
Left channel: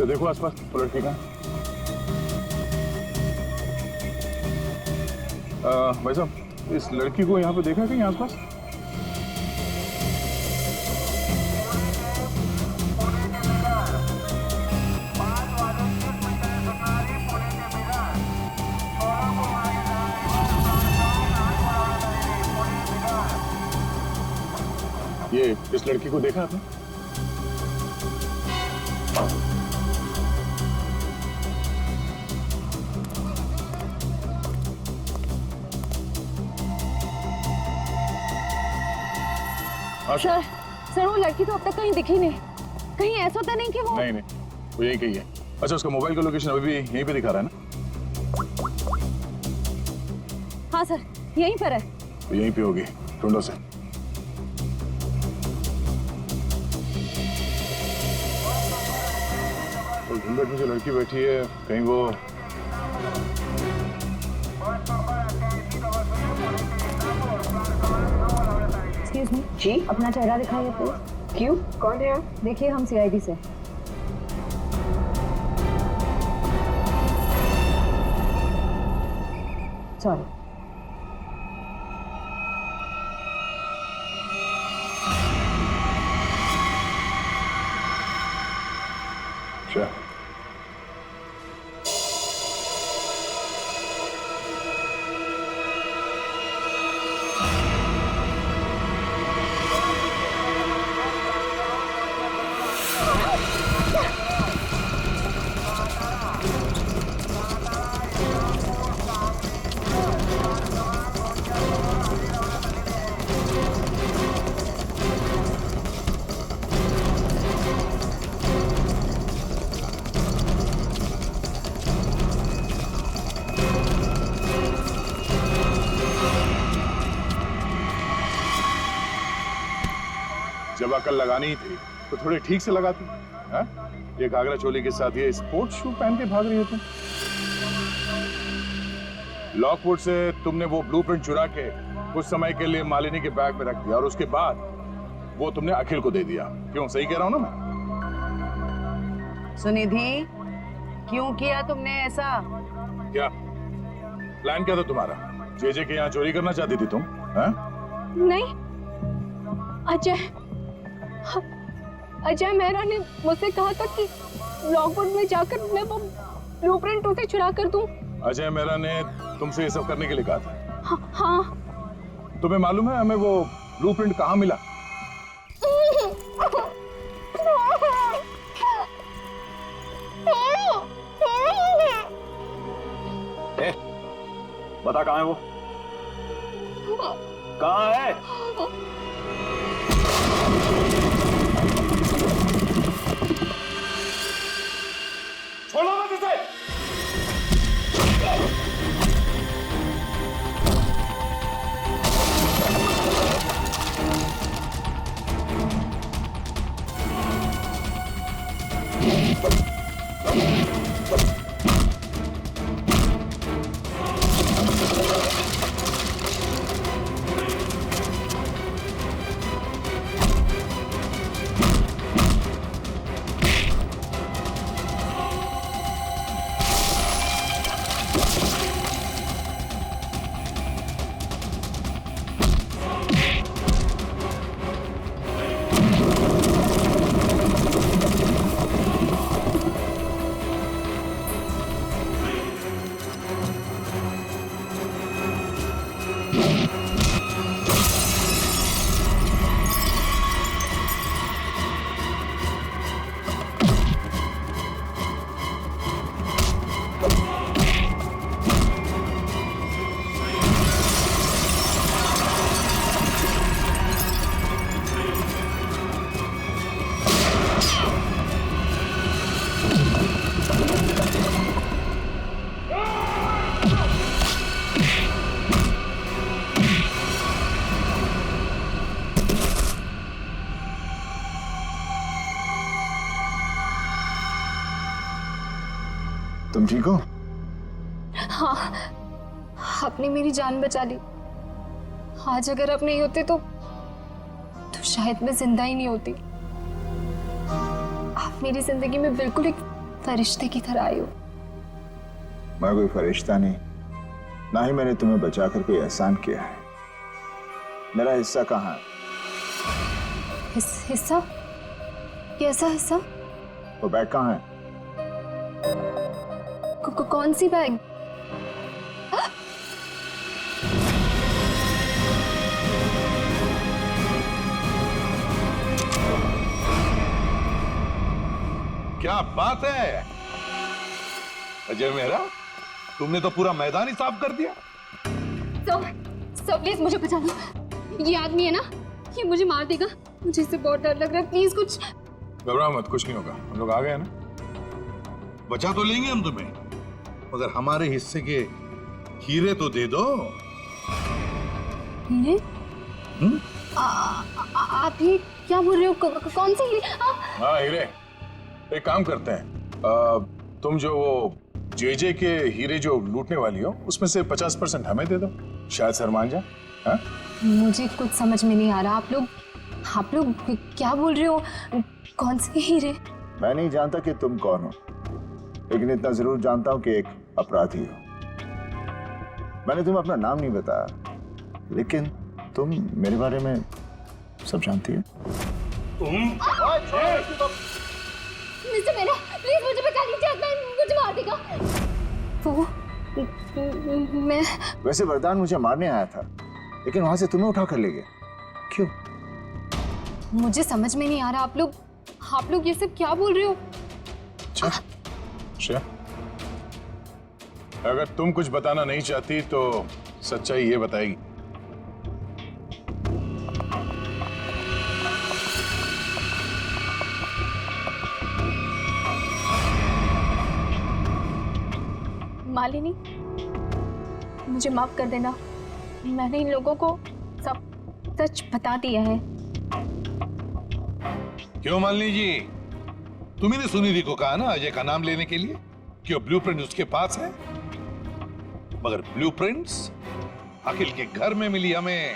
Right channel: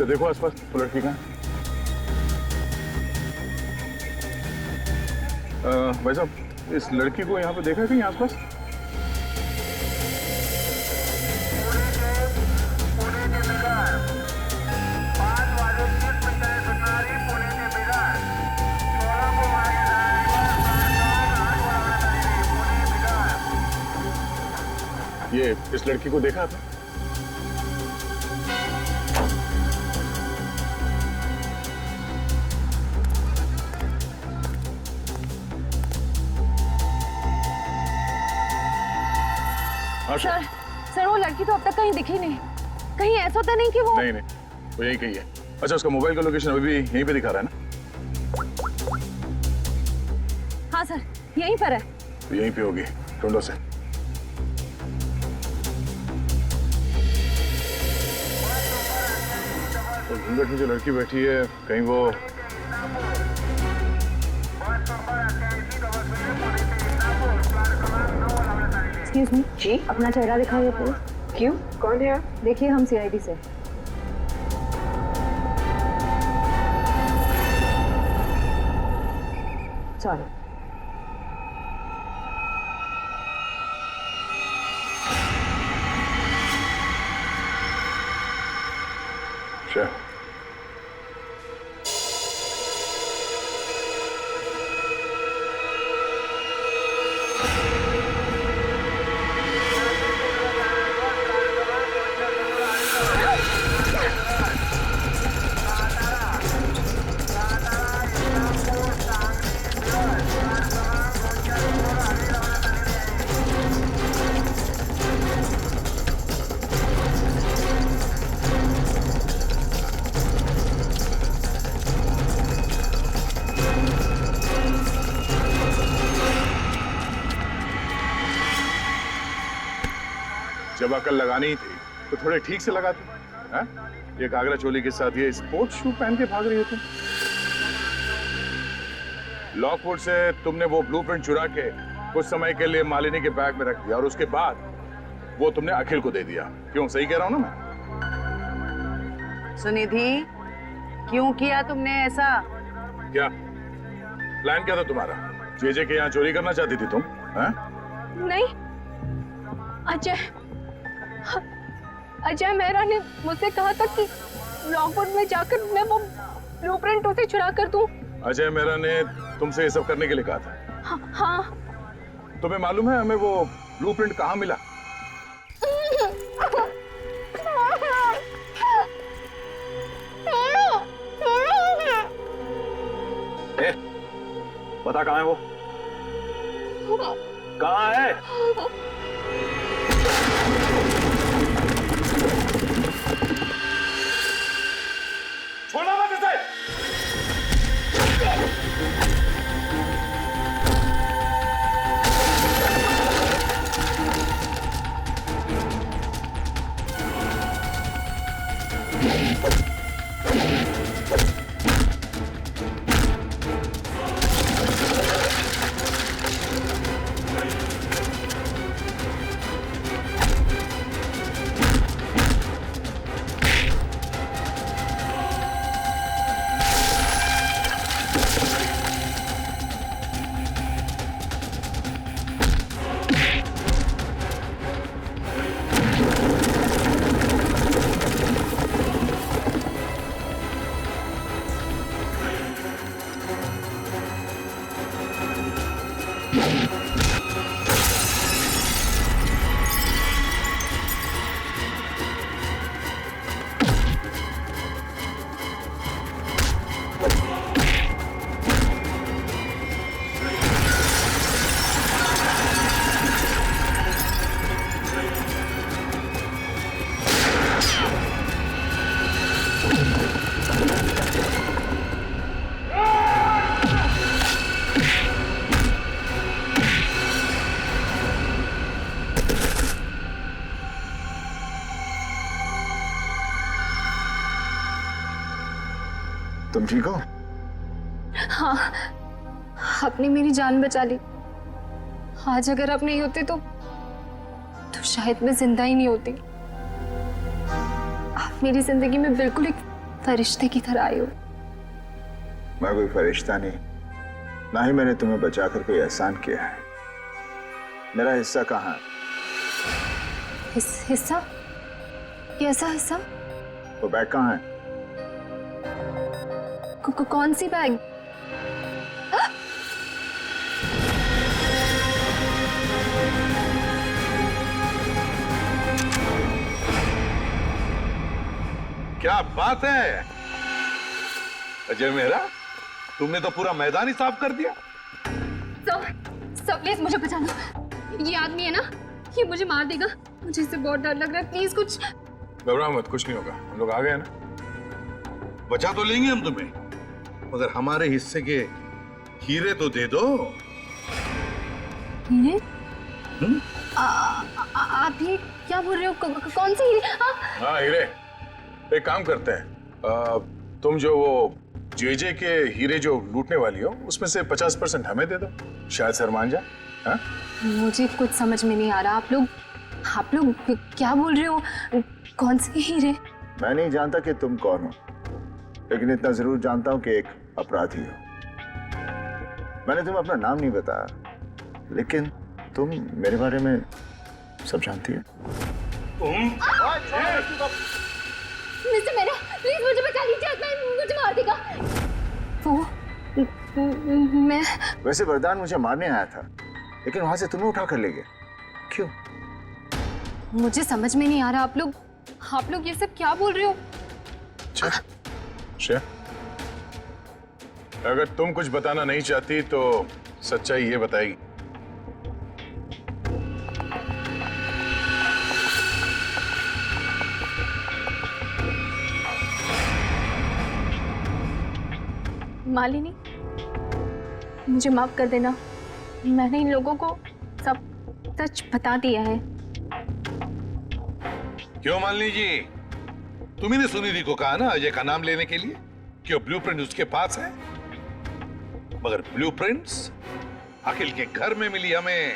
तो देखो आसपास वो लड़की कहाँ है? भाई साहब, इस लड़की को यहाँ पे देखा है कहीं आसपास? ये इस लड़की को देखा आपने? सर, सर वो लड़की तो अब तक कहीं दिखी नहीं। कहीं ऐसा तो नहीं कि वो नहीं, वो यही कही है। अच्छा, उसका मोबाइल का लोकेशन अभी भी यहीं पे दिखा रहा है ना? हाँ सर, यहीं पर है। तो यहीं पे होगी, ढूंढो से। तो घूंघट में जो लड़की बैठी है, कहीं वो एक्सक्यूज मी जी, अपना चेहरा दिखाइए प्लीज। क्यों, कौन है आप? देखिए, हम सीआईडी से। सॉरी। अच्छा, जब अकल लगानी ही थी तो थोड़े ठीक से लगाती हैं? ये घाघरा चोली के साथ ये स्पोर्ट्स शू पहन के भाग रही हो तुम। लॉकवुड से तुमने वो ब्लूप्रिंट चुरा के कुछ समय के लिए मालिनी के बैग में रख दिया और उसके बाद वो तुमने अखिल को दे दिया। क्यों, सही कह रहा हूं ना मैं? सुनिधि, क्यों किया तुमने ऐसा? क्या प्लान क्या था तुम्हारा? जेजे के यहाँ चोरी करना चाहती थी तुम? हैं? नहीं, अजय मेहरा ने मुझसे कहा था कि लॉकवुड में जाकर मैं वो ब्लूप्रिंट उसे चुरा कर दूं। अजय मेहरा ने तुमसे ये सब करने के लिए कहा था? हाँ। तुम्हें मालूम है हमें वो ब्लूप्रिंट कहाँ मिला? बता कहाँ है वो? कहाँ है? छोड़ो मत इसे! तुम ठीक हो? हाँ, आपने मेरी जान बचा ली। आज अगर आप नहीं होते तो शायद मैं जिंदा ही नहीं होती। आप मेरी जिंदगी में बिल्कुल एक फरिश्ते की तरह आए हो। मैं कोई फरिश्ता नहीं, ना ही मैंने तुम्हें बचाकर कोई एहसान किया है। मेरा हिस्सा कहाँ है? हिस्सा? कैसा हिस्सा? वो बैग कहाँ है? कौन सी बैग? क्या बात है अजय मेहरा, तुमने तो पूरा मैदान ही साफ कर दिया। सब प्लीज मुझे बचा लो। ये आदमी है ना, ये मुझे मार देगा। मुझे इससे बहुत डर लग रहा है, प्लीज कुछ। घबराओ मत, कुछ नहीं होगा। हम लोग आ गए ना। बचा तो लेंगे हम तुम्हें, मगर हमारे हिस्से के हीरे तो दे दो। हीरे? आप ये क्या बोल रहे हो? कौन से हीरे? हाँ हीरे। एक काम करते हैं, तुम जो वो जेजे के हीरे जो लूटने वाली हो उसमें से 50% हमें दे दो, शायद सर मान जाए। हाँ? मुझे कुछ समझ में नहीं आ रहा। आप लोग क्या बोल रहे हो? कौन से हीरे? मैं नहीं जानता कि तुम कौन हो, लेकिन इतना जरूर जानता हूं कि एक अपराधी हो। मैंने तुम्हें अपना नाम नहीं बताया, लेकिन तुम मेरे बारे में सब जानती हो। मिस्टर मेरा, प्लीज मुझे बचा लीजिए, मुझे मार देगा वो। मैं वैसे वरदान मुझे मारने आया था, लेकिन वहां से तुम्हें उठा कर ले गया। क्यों? मुझे समझ में नहीं आ रहा। आप लोग ये सब क्या बोल रहे हो? श्रेया, अगर तुम कुछ बताना नहीं चाहती तो सच्चाई ये बताएगी। मालिनी, मुझे माफ कर देना। मैंने इन लोगों को सब सच बता दिया है। क्यों मालिनी जी, तुम्ही ने सुनिधि को कहा ना अजय का नाम लेने के लिए, क्यों ब्लूप्रिंट उसके पास है? मगर ब्लूप्रिंट्स अखिल के घर में मिली हमें।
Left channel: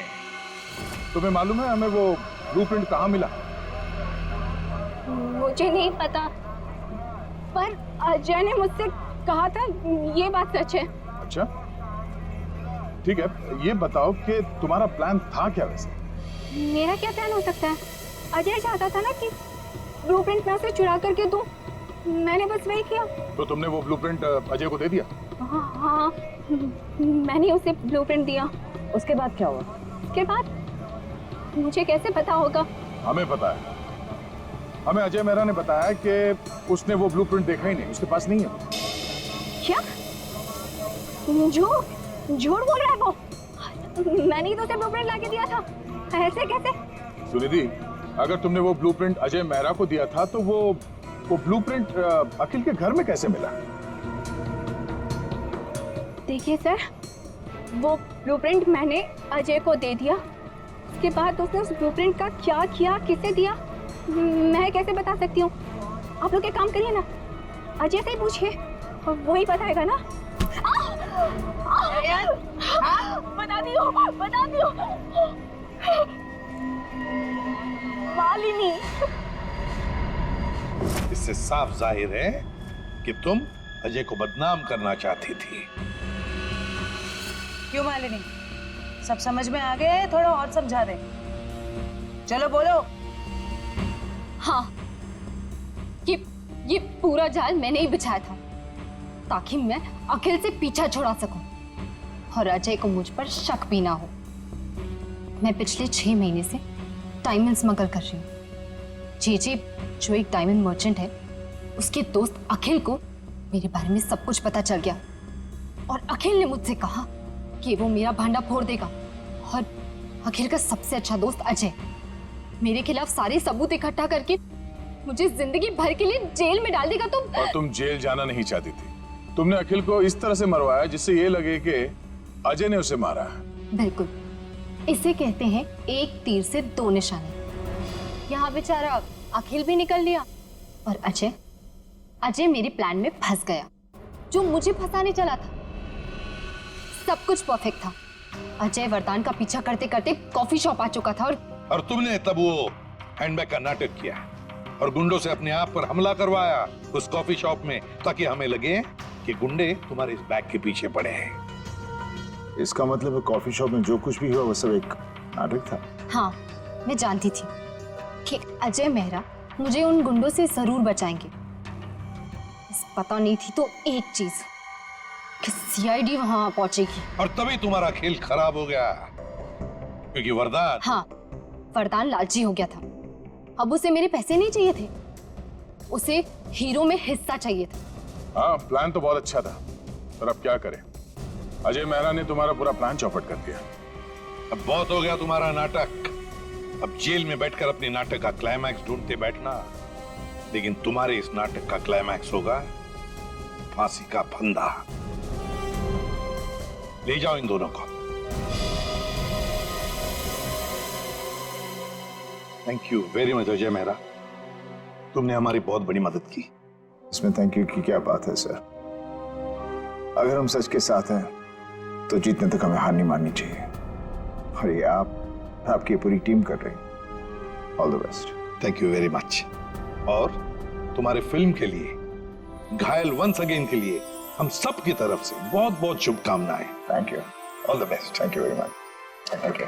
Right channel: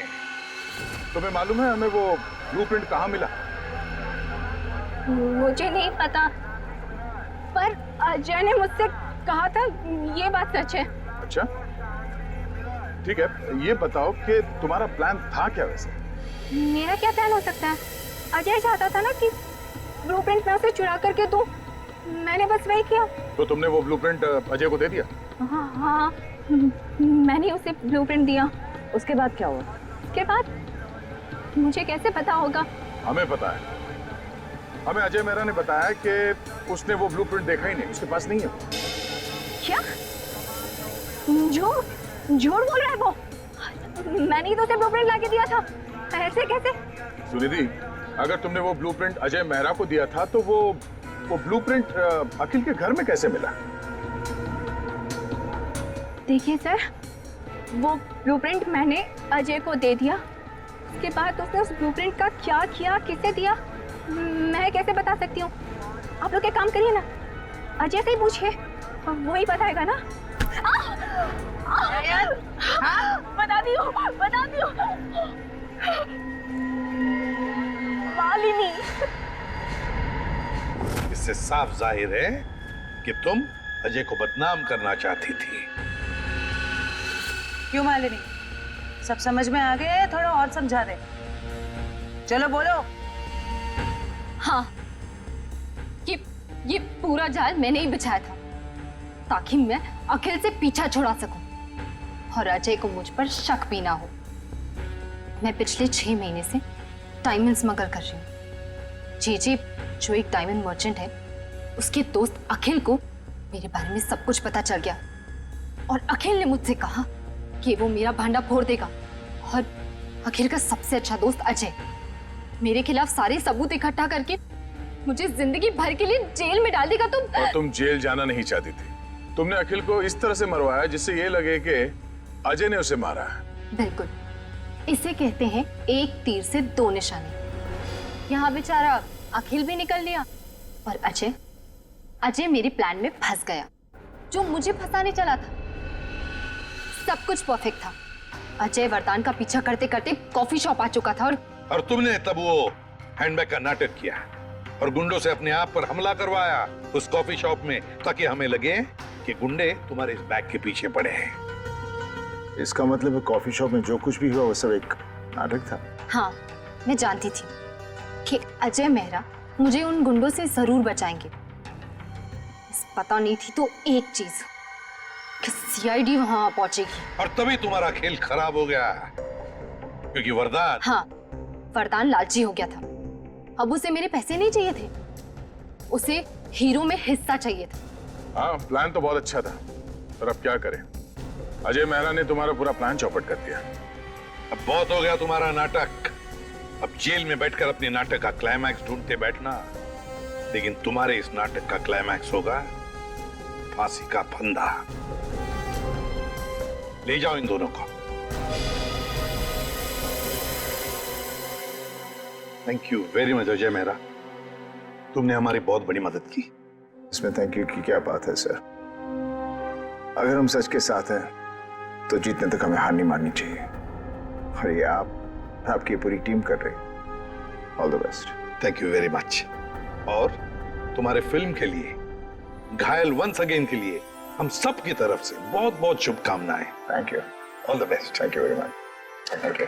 तुम्हें मालूम है हमें वो ब्लूप्रिंट कहाँ मिला? मुझे नहीं पता, पर अजय ने मुझसे कहा था। ये बात सच है। अच्छा ठीक है, ये बताओ कि तुम्हारा प्लान था क्या वैसे? मेरा क्या प्लान हो सकता है? अजय चाहता था ना कि ब्लूप्रिंट मैं उसे चुरा करके दूं। मैंने बस वही किया। तो तुमने वो ब्लूप्रिंट अजय को दे दिया? हाँ, मैंने उसे ब्लूप्रिंट दिया। उसके बाद क्या हुआ? उसके बाद मुझे कैसे पता होगा? हमें पता है। हमें अजय मेहरा ने बताया कि उसने वो ब्लूप्रिंट देखा ही नहीं, उसके पास नहीं है। क्या? झूठ बोल रहा है वो। मैंने ही तो उसे ब्लूप्रिंट लाके दिया था। ऐसे कैसे? सुनिधि, अगर तुमने वो ब्लूप्रिंट अजय मेहरा को दिया था तो वो ब्लूप्रिंट अखिल के घर में कैसे मिला? देखिए सर, वो ब्लूप्रिंट मैंने अजय को दे दिया। उसके बाद उसने उस ब्लूप्रिंट का क्या किया, किसे दिया, मैं कैसे बता सकती हूँ? आप लोग एक काम करिए ना, अजय से ही पूछिए, वही बताएगा ना। बता दियो। मालिनी, इससे साफ जाहिर है कि तुम अजय को बदनाम करना चाहती थी। क्यों मालिनी, सब समझ में आ गए? थोड़ा और समझा दे। चलो बोलो। हाँ, ये पूरा जाल मैंने ही बिछाया था ताकि मैं अखिल से पीछा छुड़ा सकूं और अजय को मुझ पर शक भी ना हो। मैं पिछले 6 महीने से डायमंड स्मगल कर रही हूँ। जेजे जो एक डायमंड मर्चेंट है, उसके दोस्त अखिल को मेरे बारे में सब कुछ पता चल गया और अखिल ने मुझसे कहा कि वो मेरा भांडा फोड़ देगा। और अखिल का सबसे अच्छा दोस्त अजय मेरे खिलाफ सारे सबूत इकट्ठा करके मुझे जिंदगी भर के लिए जेल में डाल देगा। और तुम जेल जाना नहीं चाहती थी। तुमने अखिल को इस तरह से मरवाया जिससे ये लगे कि अजय ने उसे मारा है। बिल्कुल, इसे कहते हैं एक तीर से 2 निशाने। यहाँ बेचारा अखिल भी निकल लिया और अजय मेरे प्लान में फंस गया, जो मुझे फंसाने चला था। सब कुछ परफेक्ट था। अजय वरदान का पीछा करते करते कॉफी शॉप आ चुका था और तुमने तब वो हैंडबैग का नाटक किया। और गुंडों से अपने आप पर हमला करवाया उस कॉफी शॉप में, ताकि हमें लगे कि गुंडे तुम्हारे इस बैग के पीछे पड़े हैं। इसका मतलब कॉफी शॉप में जो कुछ भी हुआ वो सब एक नाटक था। हाँ, मैं जानती थी कि अजय मेहरा मुझे उन गुंडों से जरूर बचाएंगे। बस पता नहीं थी तो एक चीज कि सीआईडी वहां पहुंचेगी। और तभी तुम्हारा खेल खराब हो गया, क्योंकि वरदान, हाँ, वरदान लालची हो गया था। अब उसे मेरे पैसे नहीं चाहिए थे, उसे हीरो में हिस्सा चाहिए था। हाँ, प्लान तो बहुत अच्छा था, पर अब क्या करें? अजय मेहरा ने तुम्हारा पूरा प्लान चौपट कर दिया। अब बहुत हो गया तुम्हारा नाटक। अब जेल में बैठकर अपने नाटक का क्लाइमैक्स ढूंढते बैठना, लेकिन तुम्हारे इस नाटक का क्लाइमैक्स होगा फांसी का फंदा। ले जाओ इन दोनों को। Thank you very much Ajay Mehra, तुमने हमारी बहुत बड़ी मदद की। इसमें थैंक यू की क्या बात है सर? अगर हम सच के साथ हैं तो जीतने तक हमें हार नहीं माननी चाहिए, और ये आपकी पूरी टीम कर रही है। All the best. Thank you very much. और तुम्हारे फिल्म के लिए, घायल वंस अगेन के लिए हम सब की तरफ से बहुत बहुत शुभकामनाएं। Thank you. All the best. Thank you very much. Thank you.